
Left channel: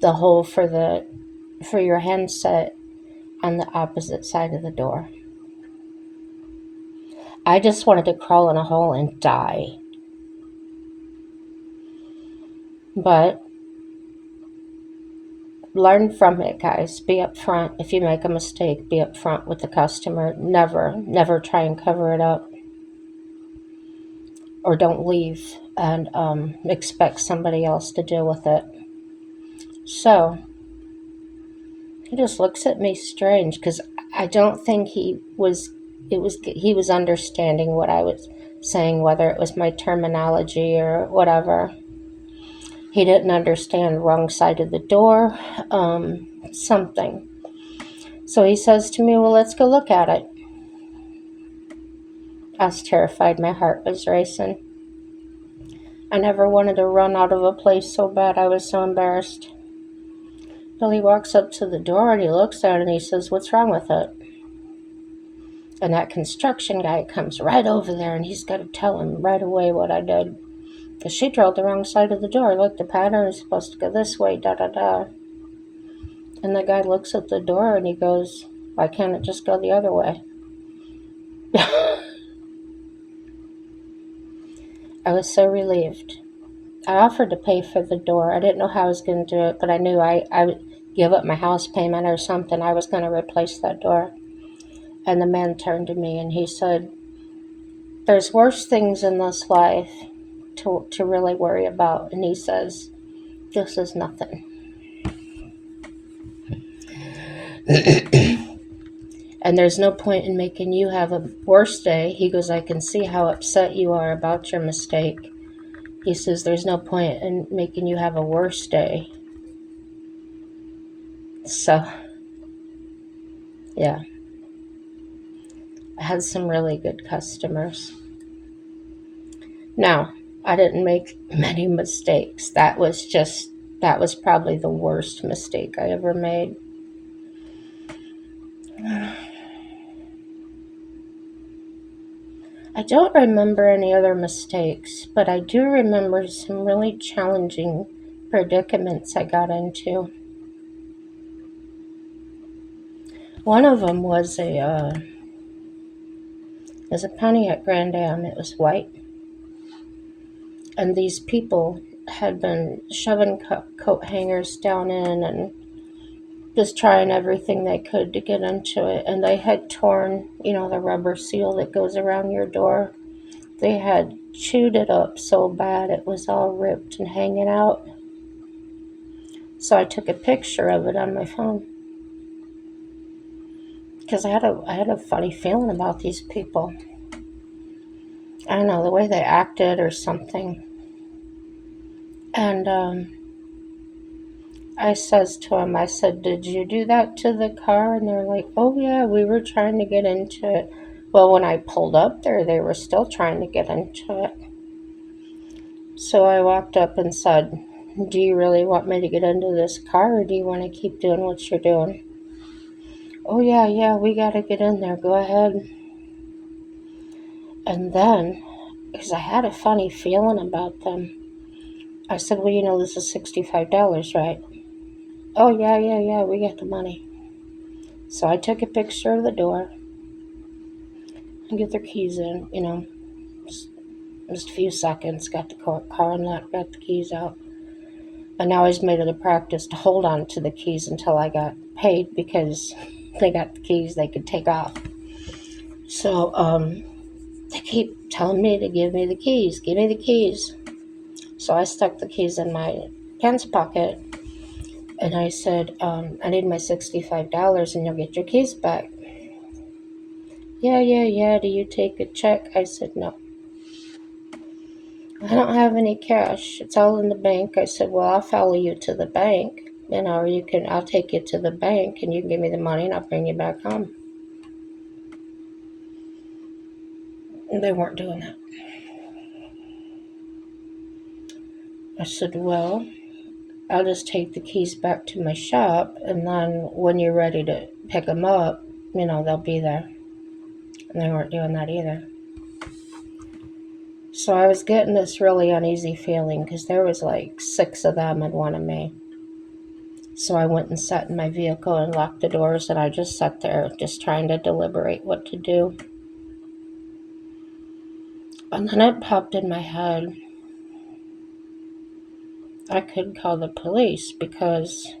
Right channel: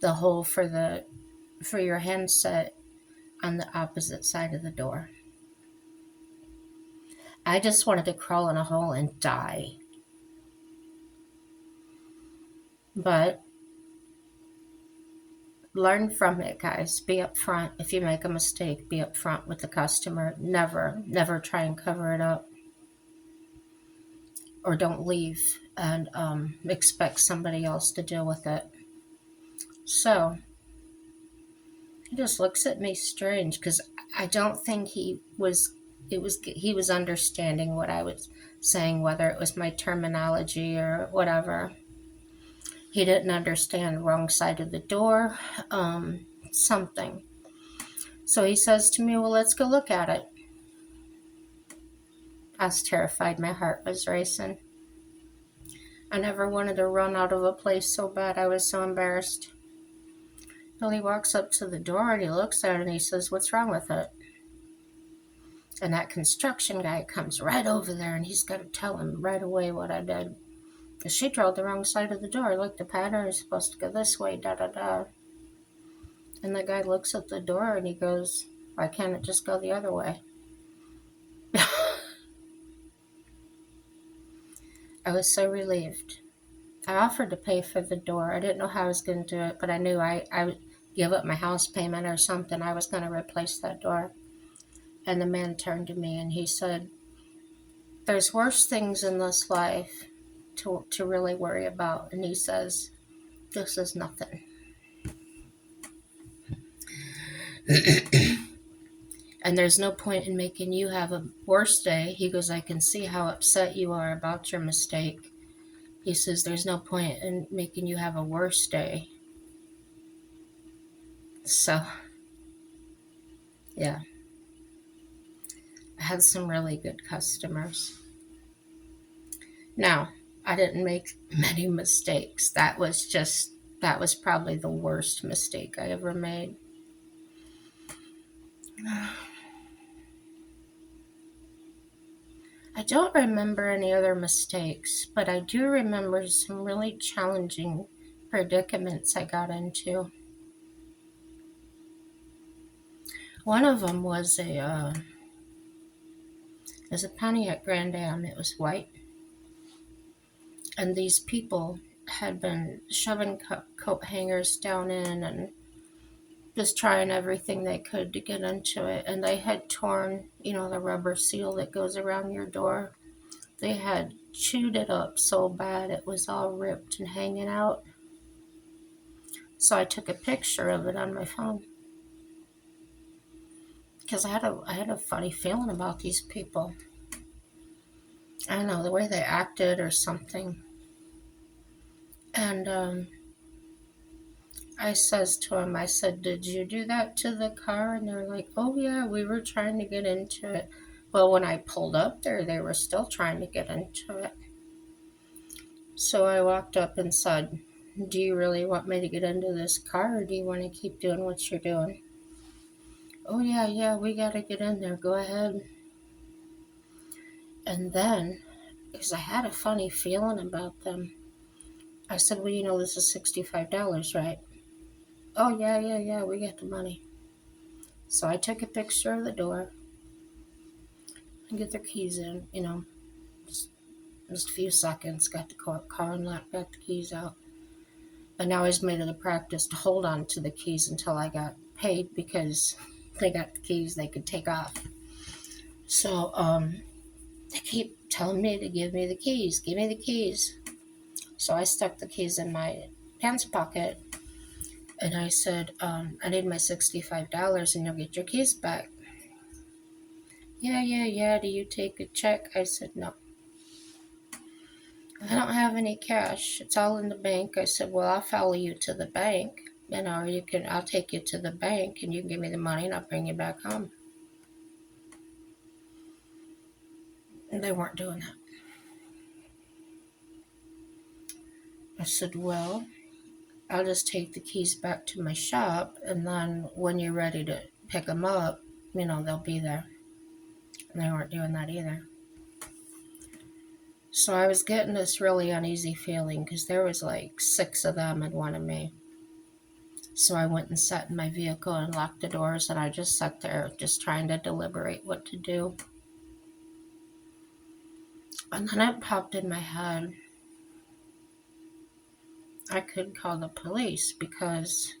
the hole for your handset on the opposite side of the door. I just wanted to crawl in a hole and die. But learn from it, guys. Be upfront. If you make a mistake, be upfront with the customer. Never try and cover it up. Or don't leave and expect somebody else to deal with it. So he just looks at me strange because I don't think he was understanding what I was saying, whether it was my terminology or whatever. He didn't understand wrong side of the door, something. So he says to me, well, let's go look at it. I was terrified. My heart was racing. I never wanted to run out of a place so bad. I was so embarrassed. Well, he walks up to the door and he looks at it and he says, what's wrong with it? And that construction guy comes right over there and he's got to tell him right away what I did. Because she drilled the wrong side of the door. Look, the pattern is supposed to go this way, da-da-da. And the guy looks at the door and he goes, why can't it just go the other way? I was so relieved. I offered to pay for the door. I didn't know how I was going to do it, but I knew I would give up my house payment or something. I was going to replace that door. And the man turned to me and he said, there's worse things in this life to really worry about. And he says, this is nothing. And there's no point in making you have a worse day. He goes, I can see how upset you are about your mistake. He says, there's no point in making you have a worse day. So, yeah. I had some really good customers. Now, I didn't make many mistakes. That was probably the worst mistake I ever made. I don't remember any other mistakes, but I do remember some really challenging predicaments I got into. One of them was a Pontiac Grand Am. It was white. And these people had been shoving coat hangers down in and just trying everything they could to get into it. And they had torn, the rubber seal that goes around your door. They had chewed it up so bad it was all ripped and hanging out. So I took a picture of it on my phone because I had a funny feeling about these people. I don't know, the way they acted or something. And I says to him, I said, "Did you do that to the car?" And they're like, "Oh yeah, we were trying to get into it." Well, when I pulled up there, they were still trying to get into it. So I walked up and said, "Do you really want me to get into this car, or do you want to keep doing what you're doing?" "Oh yeah, yeah, we gotta get in there. Go ahead." And then, because I had a funny feeling about them, I said, "Well, you know, this is $65, right?" "Oh yeah, yeah, yeah, we got the money." So I took a picture of the door and get their keys in, just, just a few seconds, got the car unlocked, got the keys out. And now I was made it a practice to hold on to the keys until I got paid because they got the keys they could take off. So they keep telling me to give me the keys, give me the keys. So I stuck the keys in my pants pocket and I said, I need my $65 and you'll get your keys back. "Yeah, yeah, yeah, do you take a check?" I said, "No. I don't have any cash. It's all in the bank." I said, "Well, I'll follow you to the bank, or I'll take you to the bank and you can give me the money and I'll bring you back home." And they weren't doing that. I said, "Well, I'll just take the keys back to my shop and then when you're ready to pick them up, they'll be there." And they weren't doing that either. So I was getting this really uneasy feeling because there was like 6 of them and 1 of me. So I went and sat in my vehicle and locked the doors, and I just sat there just trying to deliberate what to do. And then it popped in my head, I could call the police because,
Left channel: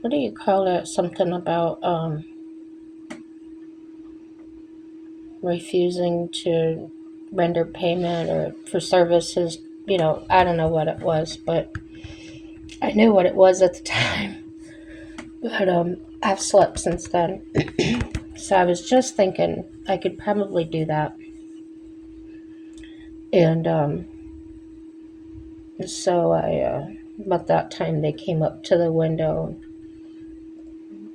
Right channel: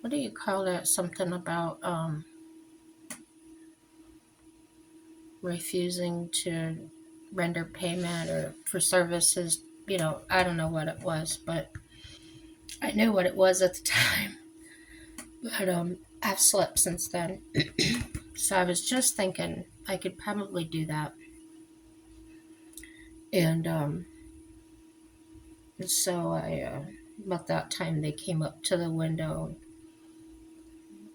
what do you call that? Something about refusing to render payment or for services. I don't know what it was, but I knew what it was at the time. But I've slept since then. So I was just thinking I could probably do that. And so about that time, they came up to the window,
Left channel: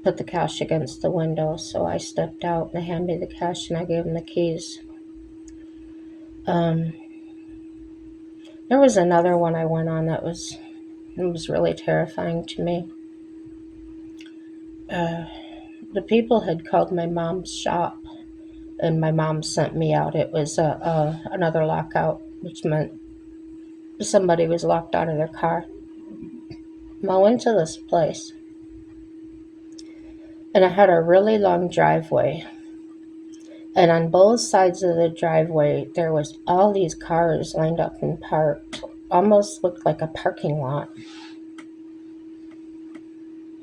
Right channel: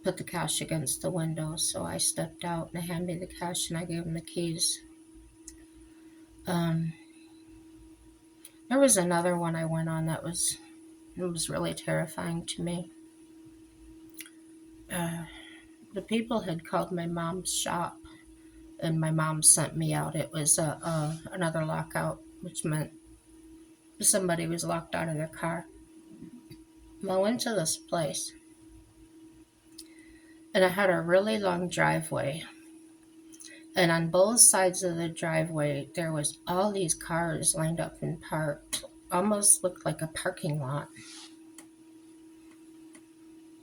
put the cash against the window. So I stepped out and they handed me the cash and I gave them the keys. There was another one I went on that was really terrifying to me. The people had called my mom's shop and my mom sent me out. It was another lockout, which meant somebody was locked out of their car. I went to this place and it had a really long driveway. And on both sides of the driveway, there was all these cars lined up and parked. Almost looked like a parking lot.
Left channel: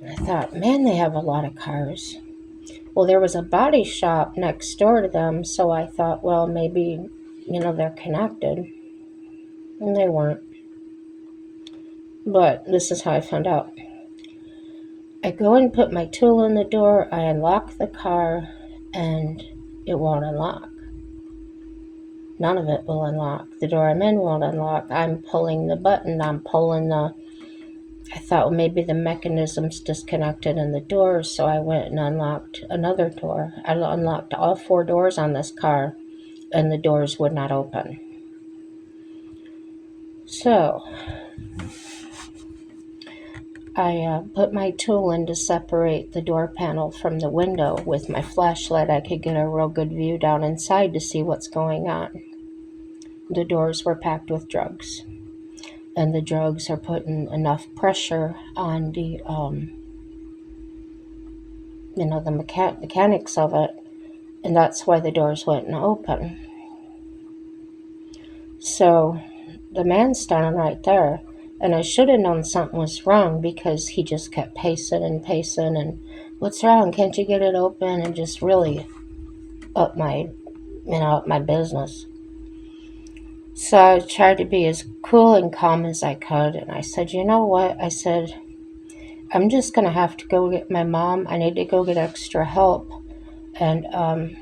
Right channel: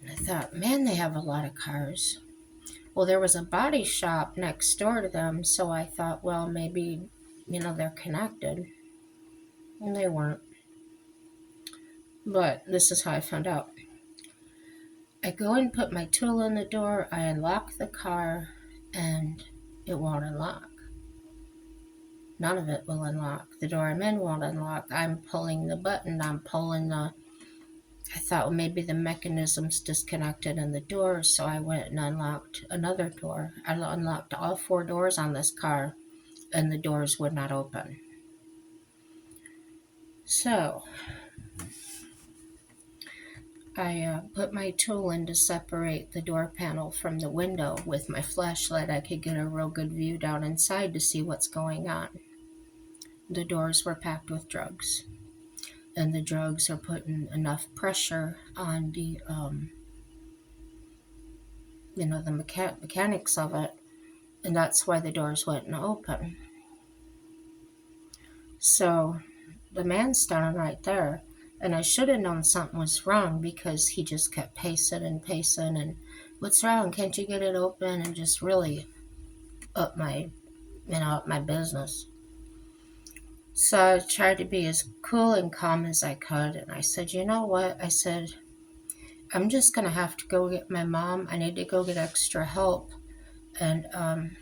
And I thought, man, they have a lot of cars. Well, there was a body shop next door to them, so I thought, well, maybe, they're connected. And they weren't. But this is how I found out. I go and put my tool in the door, I unlock the car, and it won't unlock. None of it will unlock. The door I'm in won't unlock. I'm pulling the button. I thought, well, maybe the mechanism's disconnected in the door, so I went and unlocked another door. I unlocked all 4 doors on this car, and the doors would not open. So I put my tool in to separate the door panel from the window. With my flashlight, I could get a real good view down inside to see what's going on. The doors were packed with drugs, and the drugs are putting enough pressure on the the mechanics of it, and that's why the doors wouldn't open. So the man's standing right there, and I should have known something was wrong because he just kept pacing and "What's wrong? Can't you get it open?" and just really up my business. So I tried to be as cool and calm as I could. And I said, you know what? I said, I'm just going to have to go get my mom. I need to go get extra help. And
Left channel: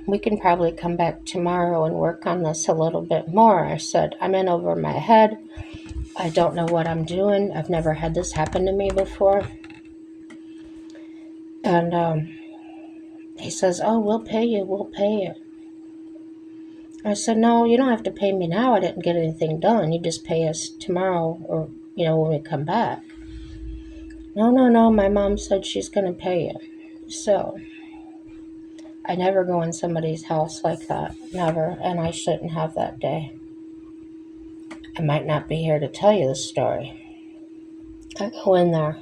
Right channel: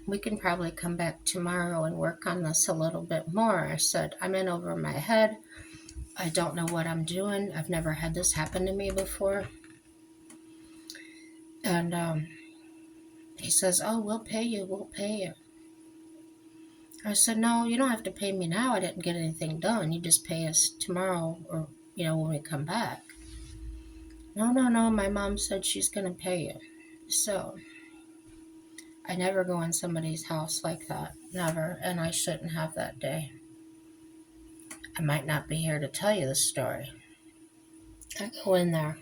we can probably come back tomorrow and work on this a little bit more. I said, I'm in over my head. I don't know what I'm doing. I've never had this happen to me before. And he says, oh, we'll pay you. We'll pay you. I said, no, you don't have to pay me now. I didn't get anything done. You just pay us tomorrow or, when we come back. No, no, no. My mom said she's going to pay you. So I never go in somebody's house like that. Never. And I shouldn't have that day. I might not be here to tell you the story. I go in there.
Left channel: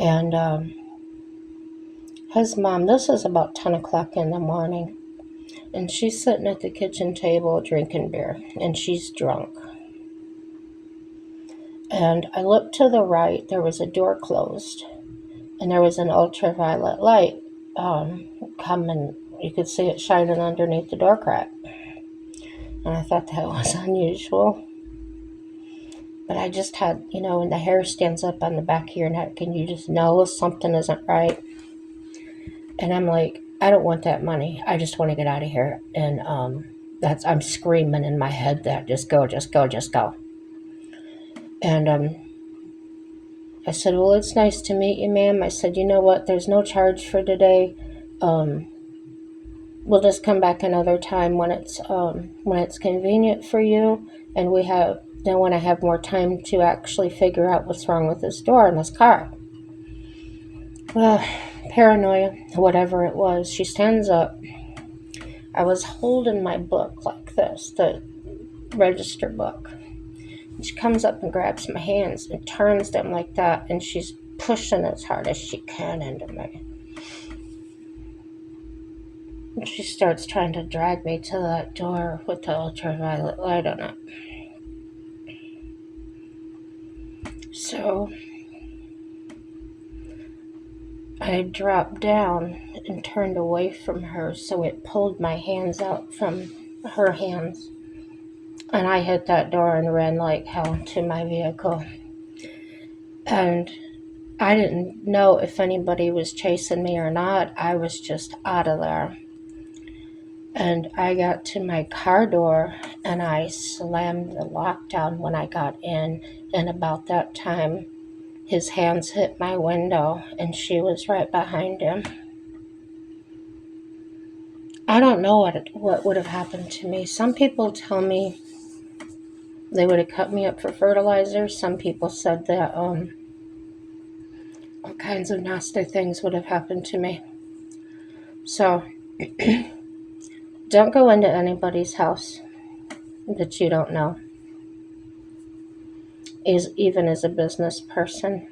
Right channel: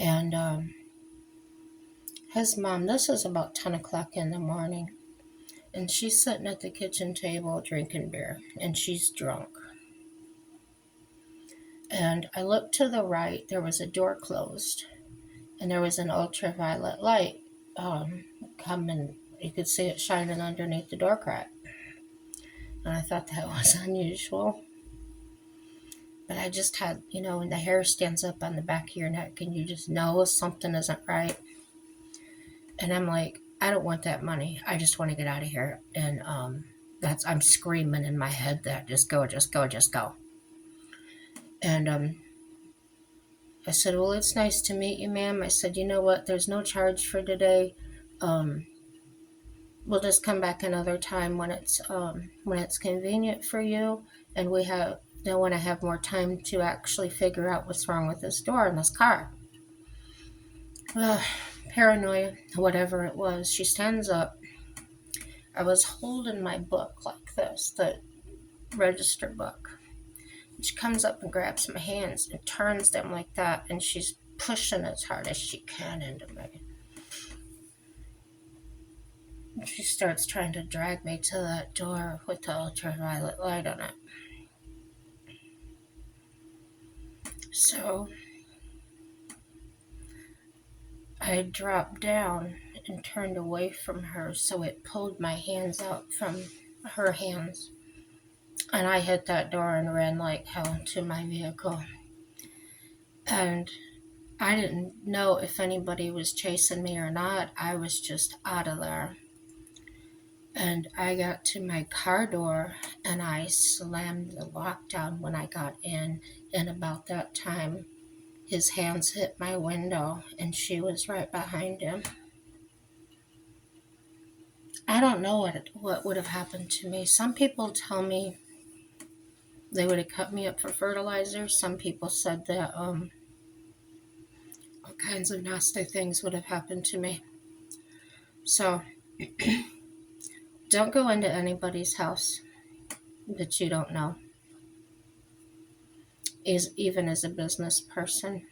And his mom, this is about 10 o'clock in the morning. And she's sitting at the kitchen table drinking beer. And she's drunk. And I looked to the right. There was a door closed. And there was an ultraviolet light coming. You could see it shining underneath the door crack. And I thought that was unusual. But I just had, when the hair stands up on the back of your neck and you just know something isn't right. And I'm like, I don't want that money. I just want to get out of here. And I'm screaming in my head that just go, just go, just go. And I said, well, it's nice to meet you, ma'am. I said, you know what? There's no charge for today. We'll just come back another time when it's convenient for you, and then when I have more time to actually figure out what's wrong with this door in this car. Paranoia, whatever it was. She stands up. I was holding my book like this, the register book. And she comes up and grabs my hands and turns them like that, and she's pushing as hard as she can into me. And she starts trying to drag me to that door with the ultraviolet light on it. So I dropped down and turned away from her, so it pulled my hands out from her hands. And I hit that door and ran like hell to my vehicle. And I didn't know if anybody was chasing me or not. I was just out of there. And I got to my car door and I slammed the lock down when I got in. And about that time, his hands hit my window and she was right behind him. I don't know what would have happened to me. Some people tell me they would have cut me up for fertilizer. Some people said that all kinds of nasty things would have happened to me. So don't go into anybody's house that you don't know, even as a business person.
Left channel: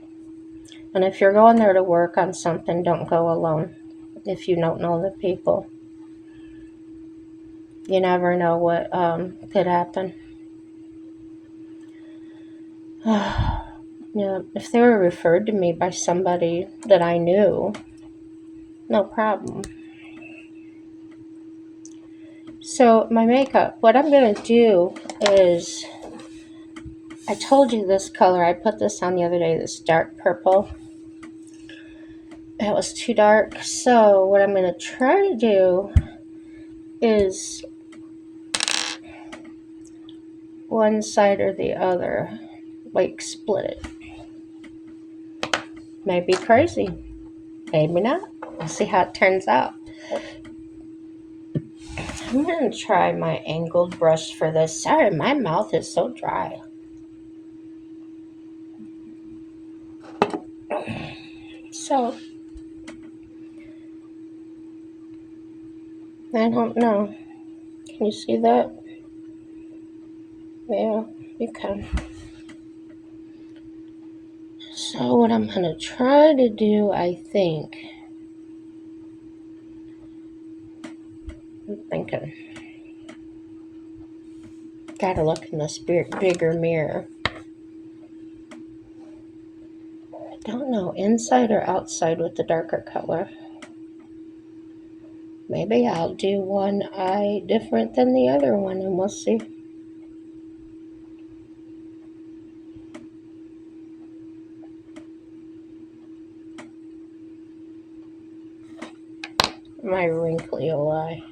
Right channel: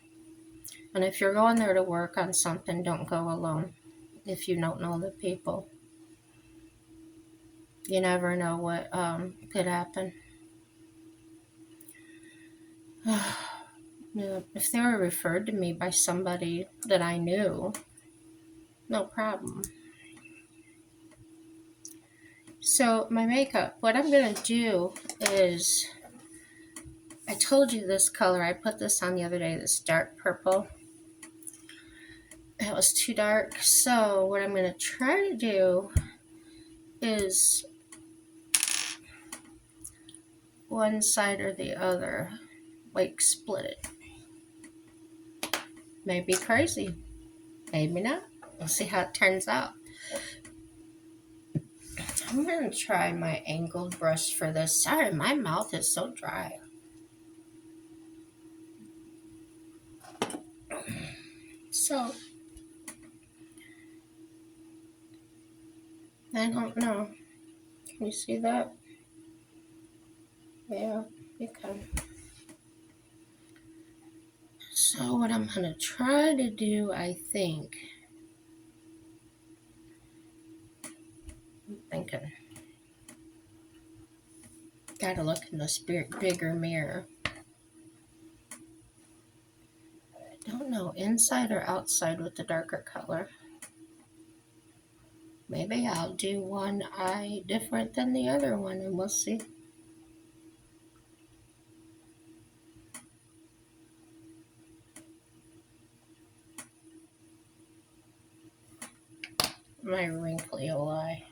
And if you're going there to work on something, don't go alone if you don't know the people. You never know what could happen. If they were referred to me by somebody that I knew, no problem. So my makeup, what I'm going to do is, I told you this color, I put this on the other day, this dark purple. It was too dark, so what I'm going to try to do is one side or the other, like split it. Maybe crazy, maybe not. We'll see how it turns out. I'm going to try my angled brush for this. Sorry, my mouth is so dry. So, I don't know. Can you see that? Yeah, you can. So what I'm going to try to do, I think, I'm thinking, gotta look in this bigger mirror. I don't know, inside or outside with the darker color. Maybe I'll do one eye different than the other one and we'll see. my wrinkly eye.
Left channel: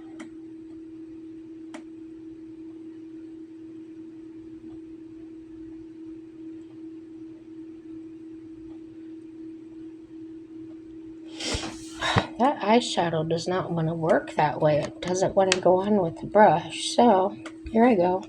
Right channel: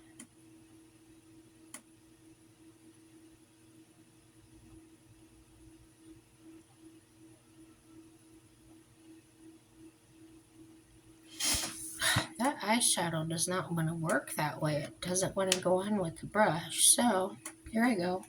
That eyeshadow does not want to work that way. It doesn't want to go on with the brush. So, here I go.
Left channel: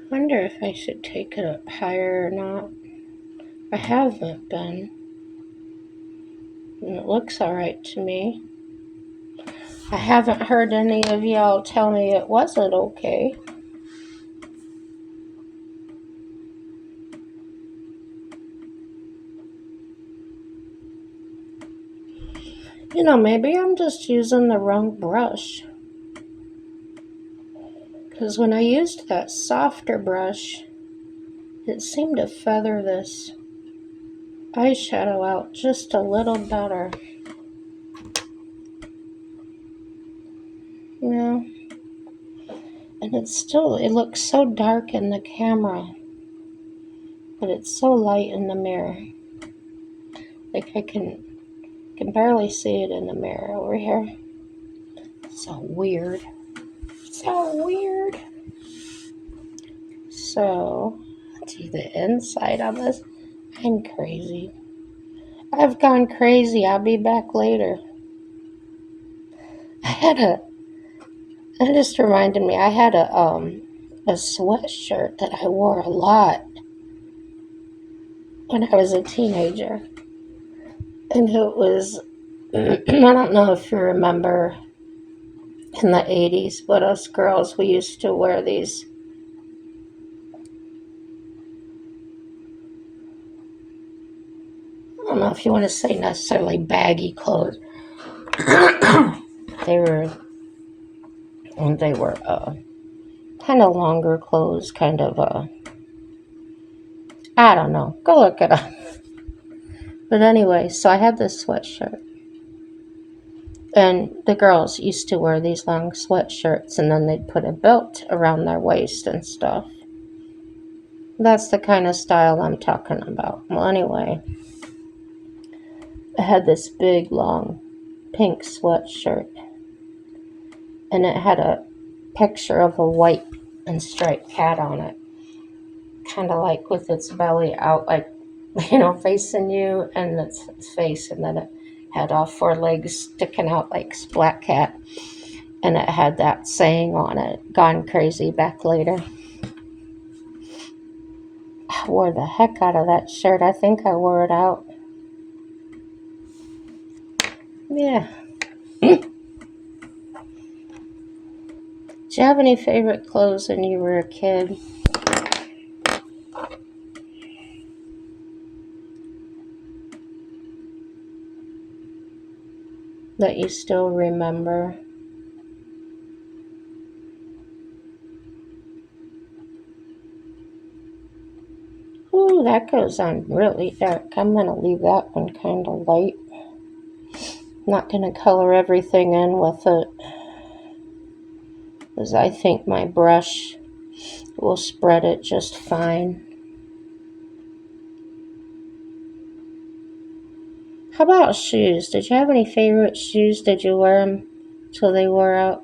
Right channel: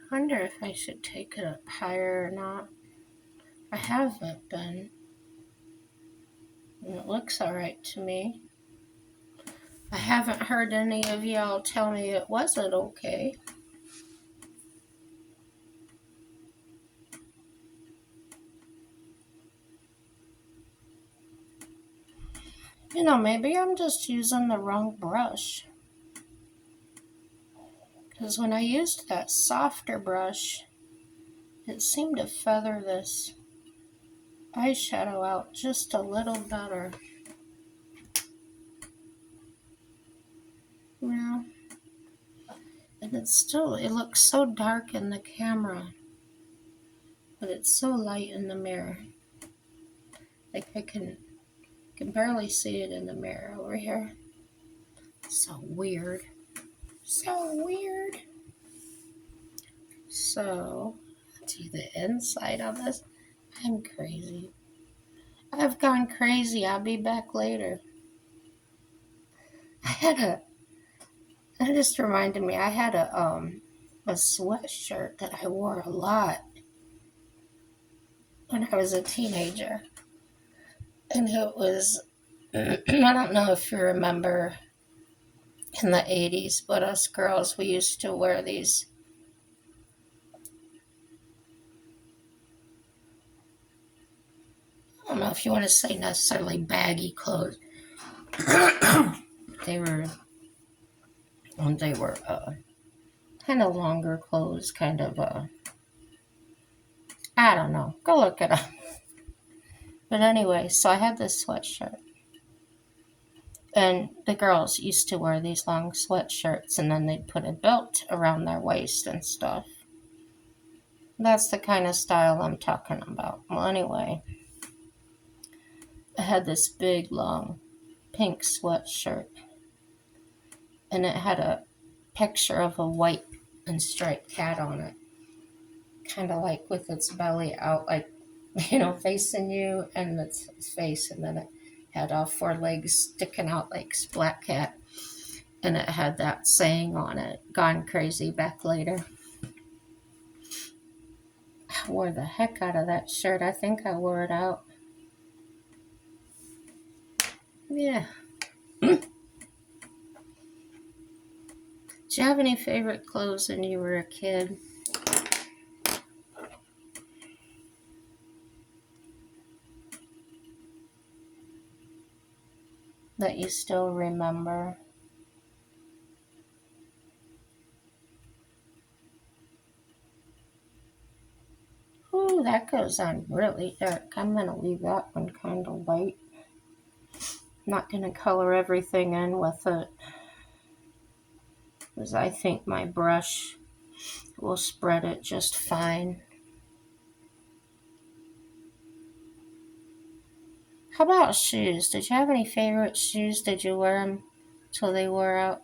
I wonder if I should take it up higher or not. I haven't been. And it looks alright to me. I haven't heard any of y'all tell me it wasn't okay. You know, maybe I'm just using the wrong brush. Because when I used that softer brush, it seemed to feather this eyeshadow out just a little better. You know? And it looks so dark in the camera. But it's so light in the mirror. Like I can barely see it in the mirror over here. So weird. So weird. So, let's see the inside on this. I'm crazy. I've gone crazy. I'll be back later. That just reminded me, I had a sweatshirt that I wore a lot when I was a teenager. And it was, I don't know if you remember in the 80s, but us girls, we used to wear these I don't know if you want to say necessarily baggy clothes. they were kind of longer clothes, kind of I don't know. Go look it up. But anyway, so I had this sweatshirt. And the girls used to wear these long sweatshirts and then they'd put a belt around their waist and stuff. That's the kind of style I'm talking about. Well, anyway, I had this big, long, pink sweatshirt. And it had a picture of a white and striped cat on it. Kind of like with its belly out, like, facing you, and its face. And then it had all four legs sticking out like Splat Cat. And it had that saying on it, "Gone crazy, back later." I wore the heck out of that shirt. I think I wore it out. Yeah. Did you have any favorite clothes when you were a kid? That you still remember? Ooh, that goes on really dark. I'm going to leave that one kind of light. Not going to color everything in with it, because I think my brush will spread it just fine. How about shoes? Did you have any favorite shoes? Did you wear them till they wore out?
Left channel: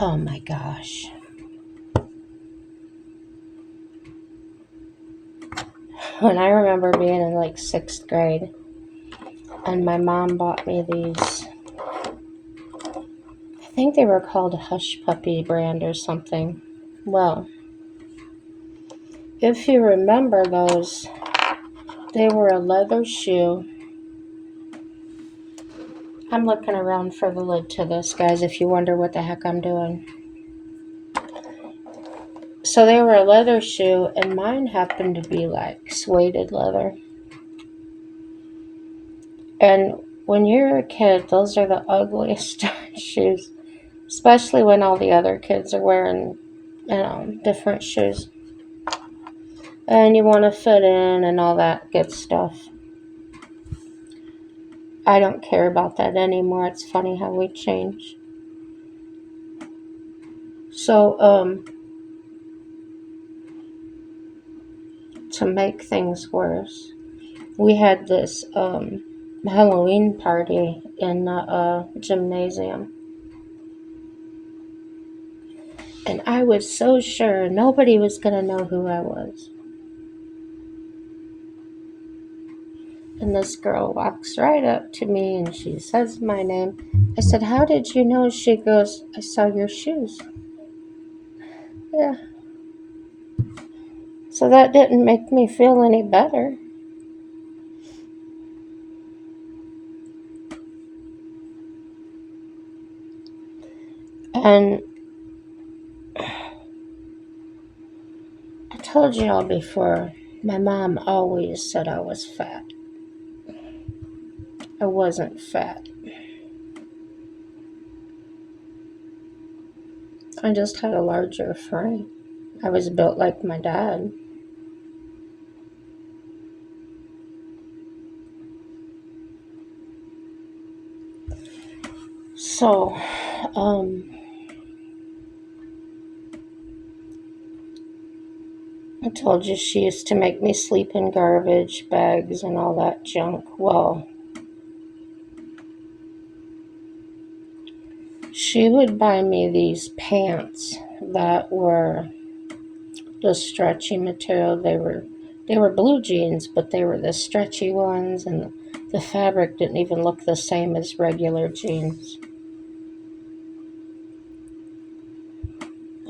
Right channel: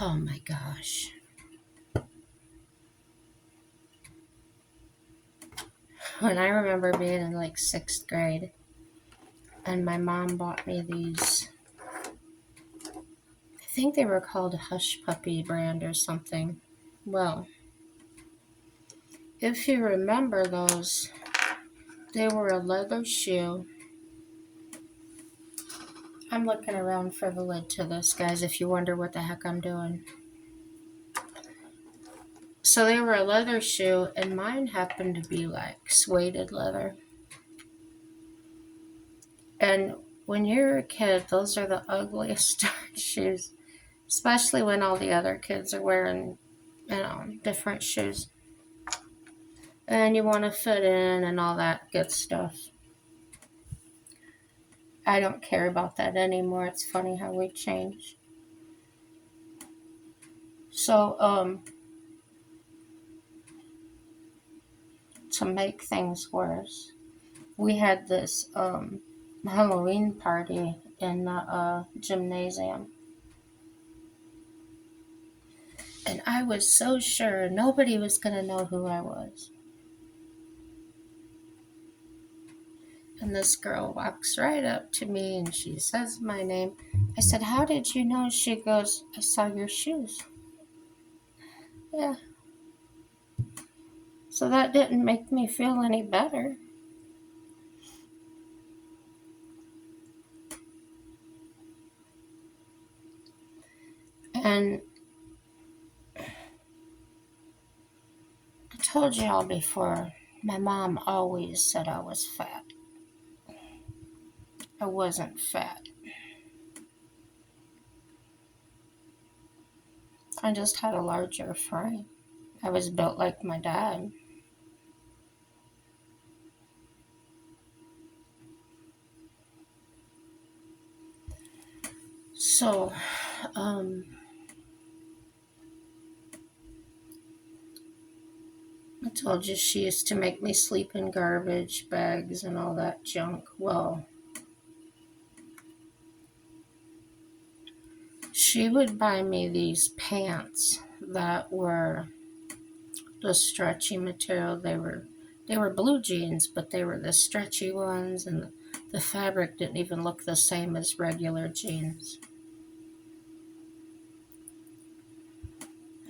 Oh my gosh. When I remember being in like 6th grade, and my mom bought me these, I think they were called Hush Puppy brand or something. Well, if you remember those, they were a leather shoe. I'm looking around for the lid to this, guys, if you wonder what the heck I'm doing. So they were a leather shoe, and mine happened to be like suede leather. And when you're a kid, those are the ugliest shoes, especially when all the other kids are wearing, different shoes. And you want to fit in and all that good stuff. I don't care about that anymore. It's funny how we change. So, to make things worse, we had this Halloween party in the gymnasium. And I was so sure nobody was going to know who I was. And this girl walks right up to me and she says my name. I said, "How did you know?" She goes, "I saw your shoes." Yeah. So that didn't make me feel any better. And I told you all before, my mom always said I was fat. I wasn't fat. I just had a larger frame. I was built like my dad. So, I told you she used to make me sleep in garbage bags and all that junk. Well, she would buy me these pants that were the stretchy material. They were blue jeans, but they were the stretchy ones, and the fabric didn't even look the same as regular jeans.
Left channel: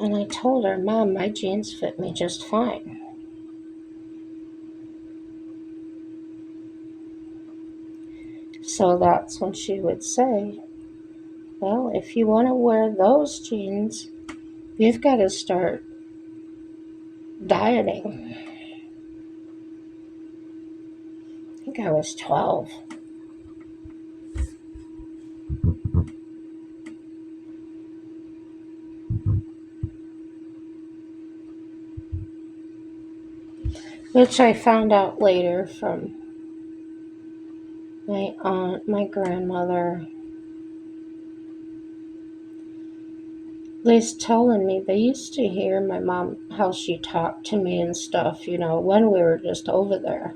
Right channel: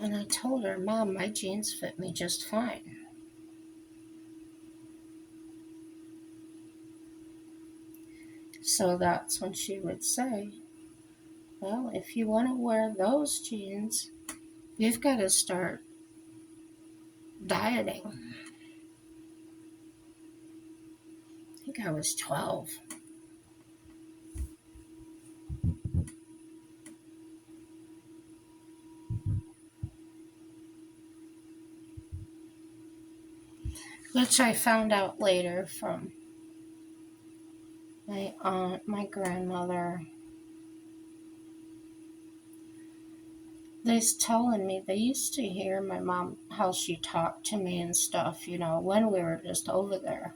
And I told her, "Mom, my jeans fit me just fine." So that's when she would say, "Well, if you want to wear those jeans, you've got to start dieting." I think I was 12. Which I found out later from my aunt, my grandmother. They's telling me they used to hear my mom, how she talked to me and stuff, when we were just over there.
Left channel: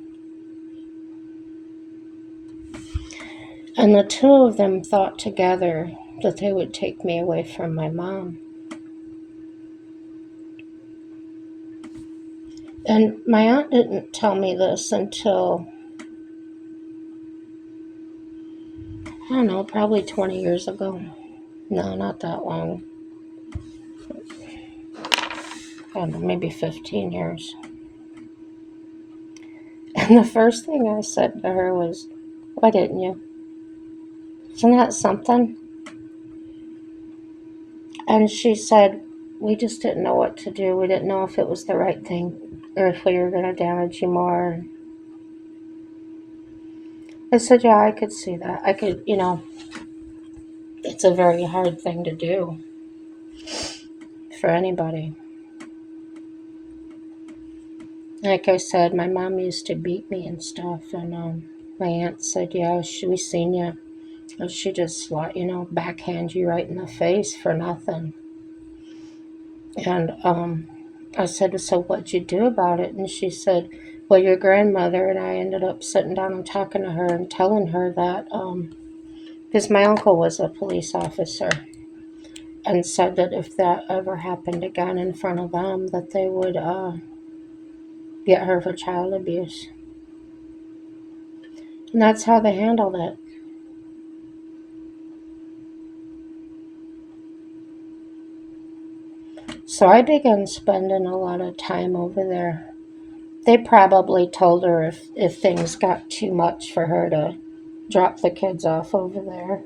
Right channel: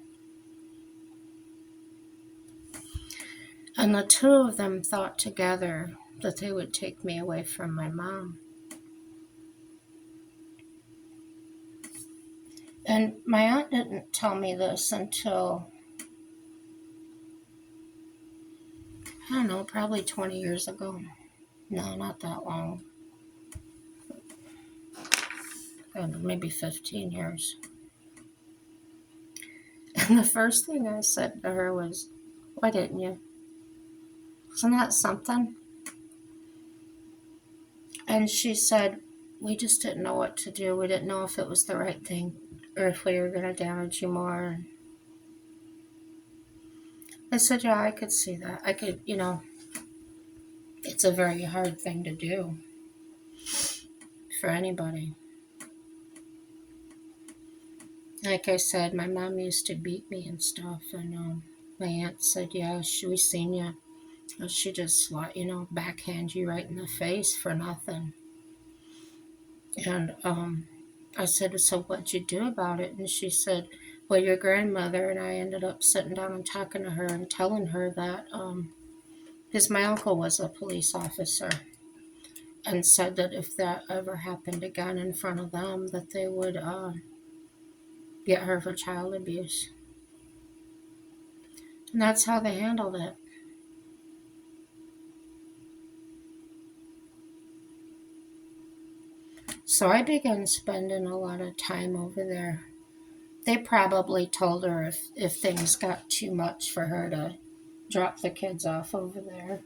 And the two of them thought together that they would take me away from my mom. And my aunt didn't tell me this until, I don't know, probably 20 years ago. No, not that long. I don't know, maybe 15 years. And the first thing I said to her was, "Why didn't you? Isn't that something?" And she said, "We just didn't know what to do. We didn't know if it was the right thing or if we were going to damage you more." I said, "Yeah, I could see that. I could, it's a very hard thing to do for anybody." Like I said, my mom used to beat me and stuff. And my aunt said, "Yeah, we seen you. She just, backhand you right in the face for nothing." And I said, "So what'd you do about it?" And she said, "Well, your grandmother and I ended up sitting down and talking to her and telling her that, because my uncle was a police officer, and said that if that ever happened again in front of them, that they would get her for child abuse." And that's how they handled it. So I began spending a lot of time over there. They probably told her if things got too much for her to drop the kids off over there.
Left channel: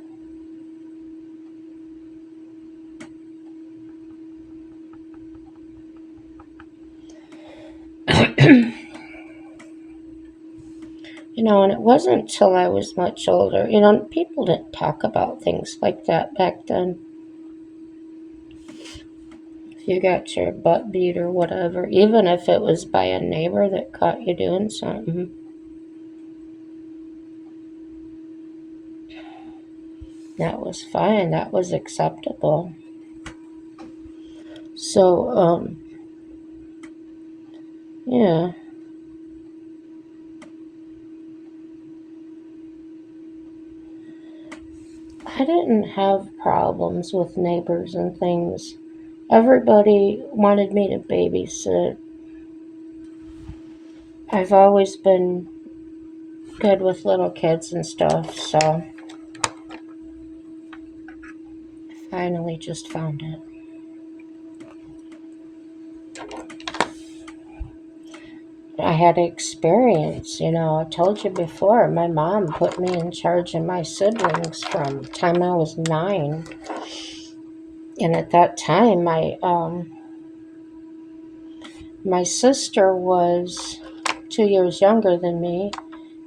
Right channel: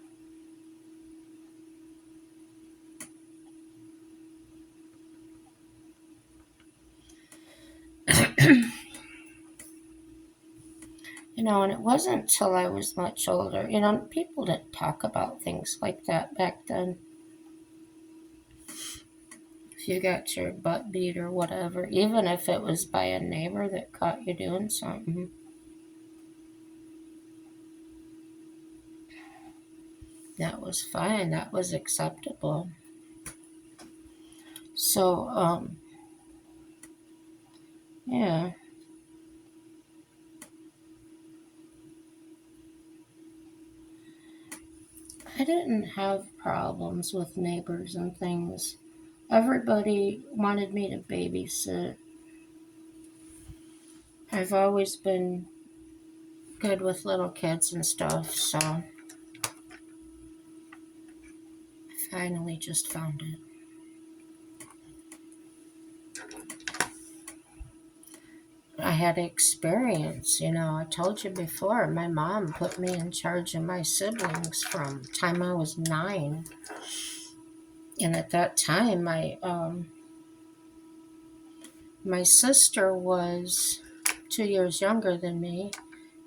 And it wasn't until I was much older. People didn't talk about things like that back then. If you got your butt beat or whatever, even if it was by a neighbor that caught you doing something. That was fine. That was acceptable. So, yeah, I didn't have problems with neighbors and things. Everybody wanted me to babysit. I've always been good with little kids and stuff, so I finally just found it. I had experience, I told you before, my mom put me in charge of my siblings from the time I was 9. And at that time, my sister was 2 years younger than me,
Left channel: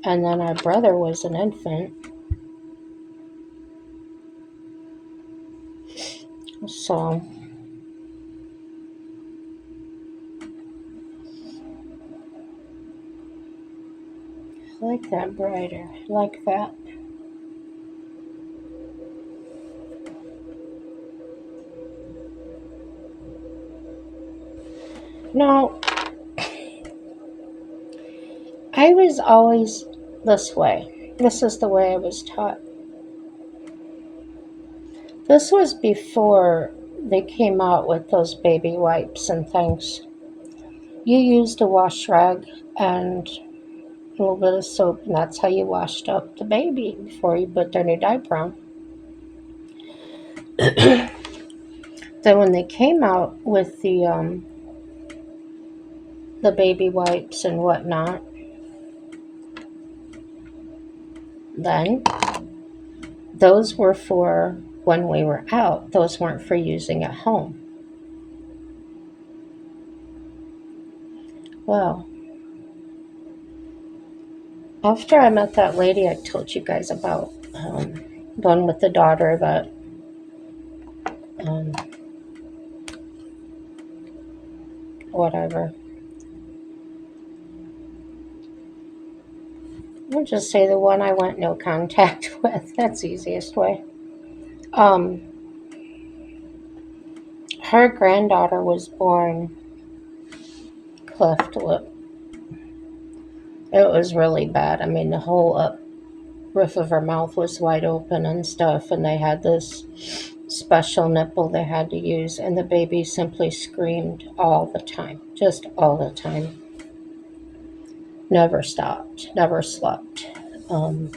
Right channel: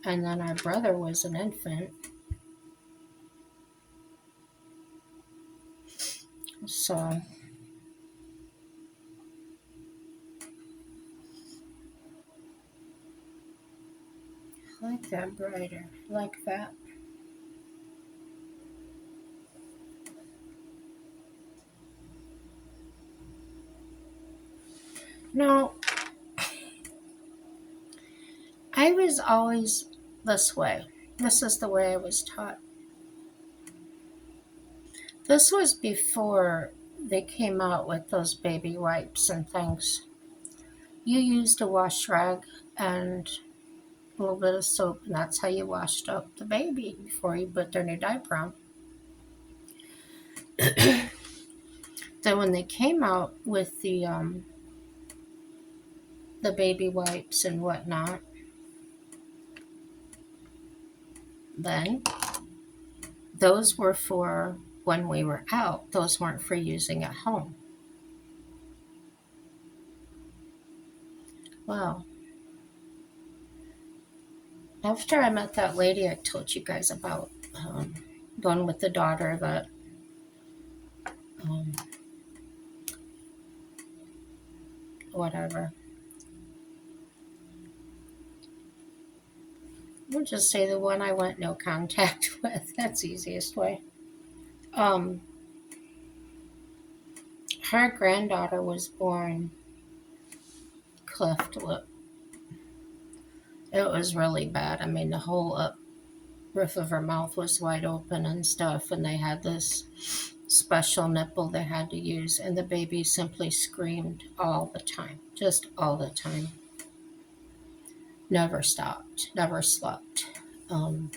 and then our brother was an infant. So I like that brighter. I like that. No, I was always this way. This is the way I was taught. This was before they came out with those baby wipes and things. You used a wash rag and a little bit of soap, and that's how you washed up the baby before you put their new diaper on. Then when they came out with the baby wipes and whatnot, then those were for when we were out. Those weren't for using at home. Well, after I met that lady I told you guys about, going with the daughter that, um, whatever. I'll just say the one I went no contact with. That's the easiest way. Um, her granddaughter was born cleft lip. It was really bad. I mean, the whole up roof of her mouth was wide open and stuff, and they had this special nipple they had to use, and the baby simply screamed all the time, just all the time. Never stopped, never slept. Um,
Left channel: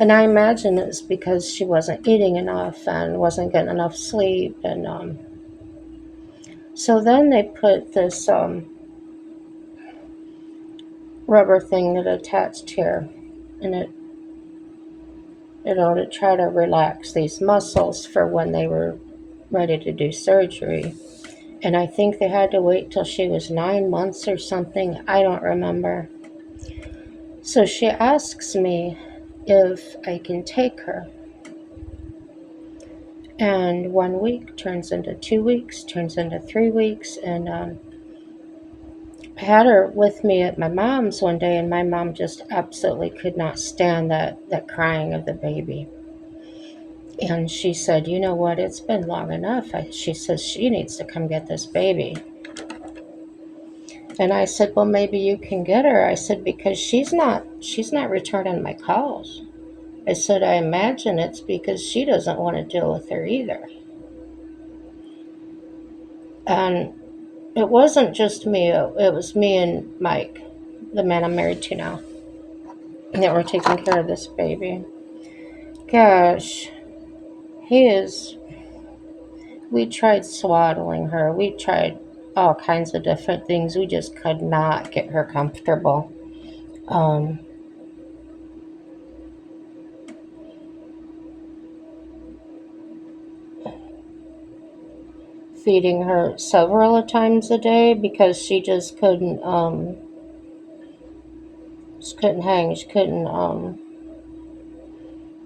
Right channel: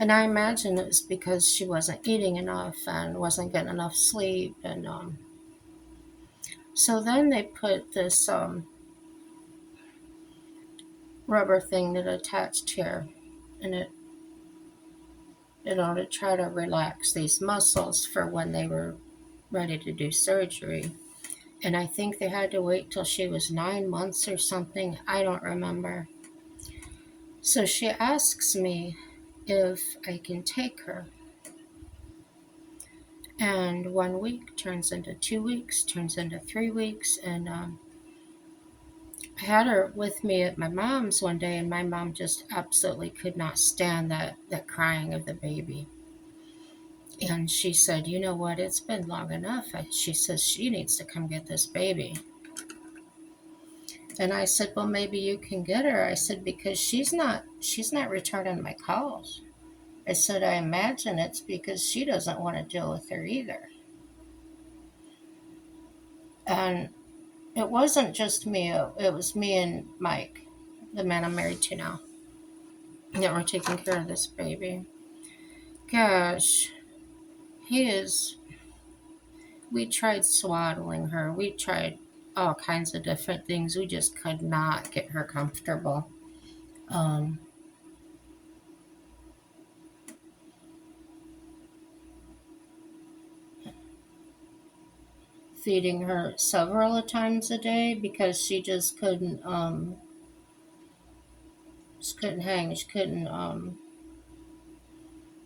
and I imagine it's because she wasn't eating enough and wasn't getting enough sleep, and so then they put this rubber thing that attached here, and to try to relax these muscles for when they were ready to do surgery. And I think they had to wait till she was 9 months or something. I don't remember. So she asks me if I can take her. And 1 week turns into 2 weeks, turns into 3 weeks. And I had her with me at my mom's one day, and my mom just absolutely could not stand that crying of the baby. And she said, "You know what? It's been long enough." She says she needs to come get this baby. And I said, "Well, maybe you can get her." I said, "Because she's not returning my calls." I said, "I imagine it's because she doesn't want to deal with her either." And it wasn't just me, it was me and Mike, the man I'm married to now, that were taking care of this baby. Gosh, he is. We tried swaddling her, we tried all kinds of different things. We just could not get her comfortable. Um, Feeding her several times a day because she just couldn't hang. She couldn't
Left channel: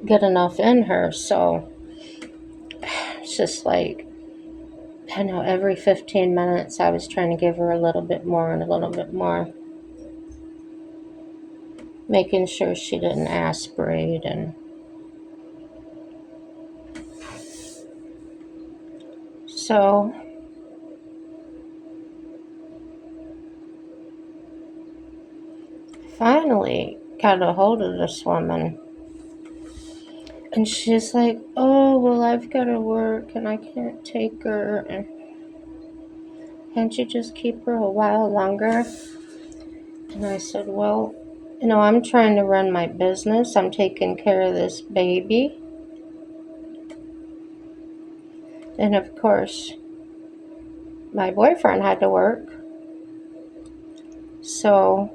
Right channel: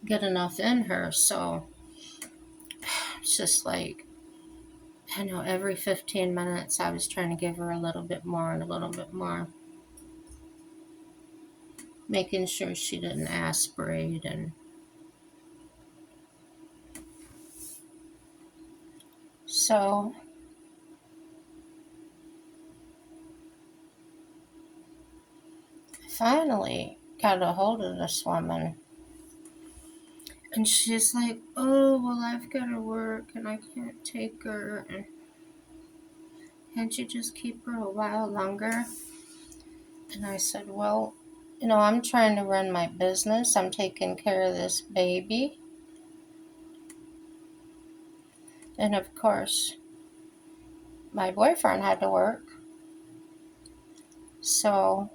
get enough in her. So it's just like, I know, every 15 minutes I was trying to give her a little bit more and a little bit more, making sure she didn't aspirate. And So I finally got a hold of this woman. And she's like, oh, well, I've got to work and I can't take her. And can't you just keep her a while longer? And I said, well, I'm trying to run my business. I'm taking care of this baby. And of course, my boyfriend had to work. So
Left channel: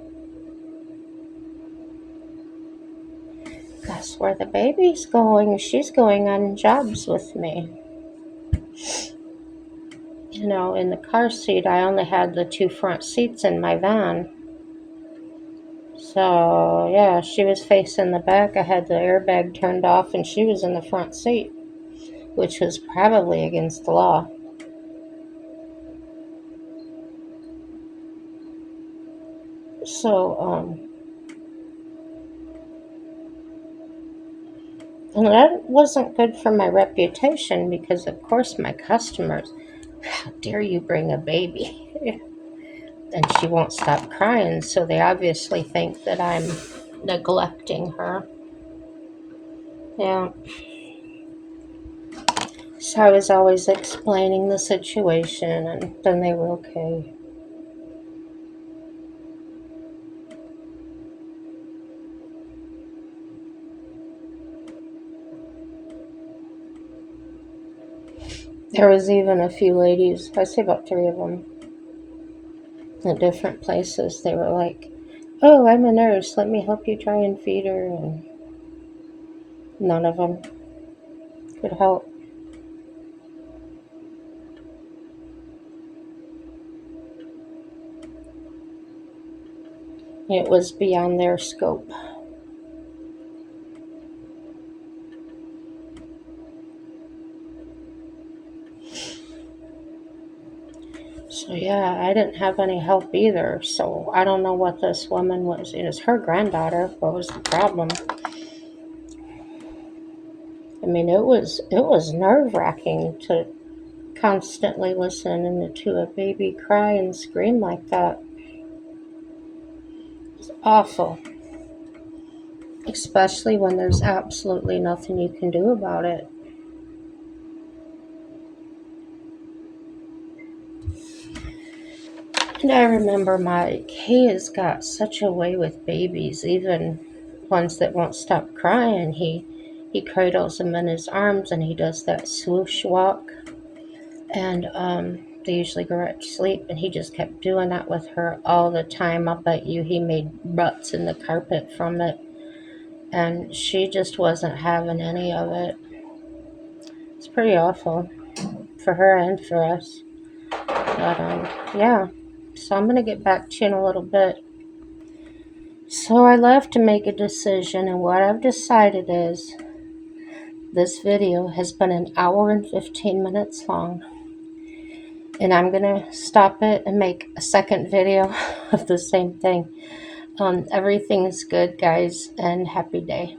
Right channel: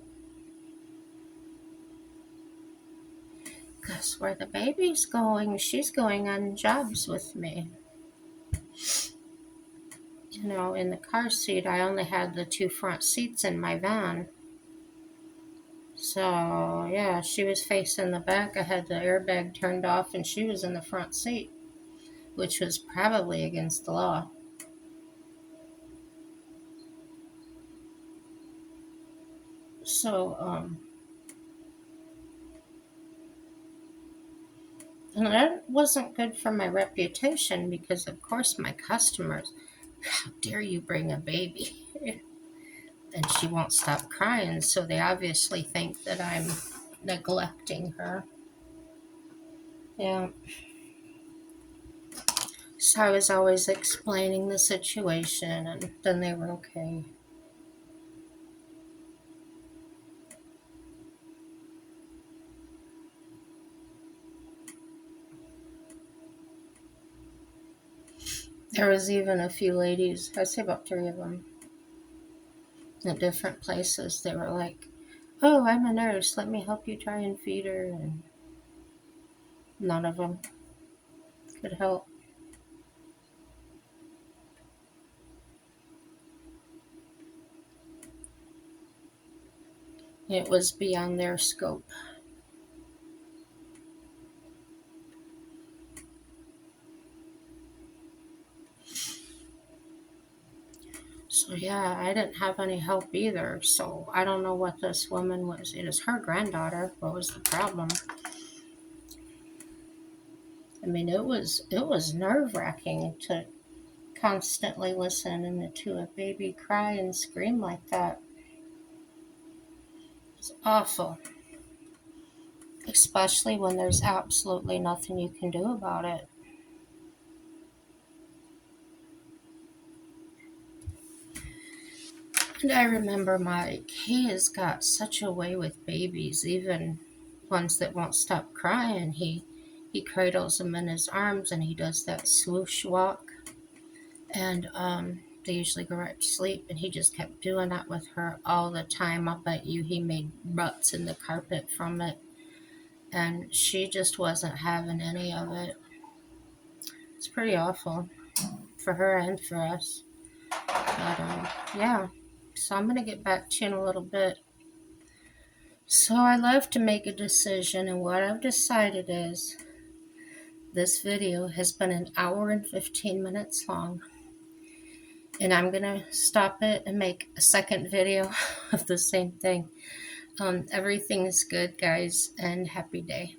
that's where the baby's going. She's going on jobs with me. In the car seat, I only had the 2 front seats in my van. So, yeah, she was facing the back. I had the airbag turned off, and she was in the front seat, which was probably against the law. So, and that wasn't good for my reputation because, of course, my customers, how dare you bring a baby? And she won't stop crying, so they obviously think that I'm neglecting her. Yeah. So I was always explaining the situation, and then they were okay. There was even a few ladies, I say about 3 of them, at different places. They were like, oh, I'm a nurse. Let me help you try and feed her. And none of them could help. It was beyond their scope. So, yeah, I didn't have any help either. So, I don't know what this woman was. It was her granddaughter. What was the problem? I mean, it was nerve-wracking to constantly listen to a baby cry and scream like that. It's awful, especially when there's absolutely nothing you can do about it. And I remember Mike, he has got such a way with babies, even ones that won't stop crying. He cradles them in his arms and he does that swoosh walk. And they usually go right to sleep. And he just kept doing that with her all the time. I'll bet you he made ruts in the carpet from it. And she just wasn't having any of it. It's pretty awful for her and for us. But yeah. So I'm going to get back to you in a little bit. So I left to make a decision, and what I've decided is this video has been an hour and 15 minutes long, and I'm going to stop it and make a second video of the same thing. Everything's good, guys, and happy day.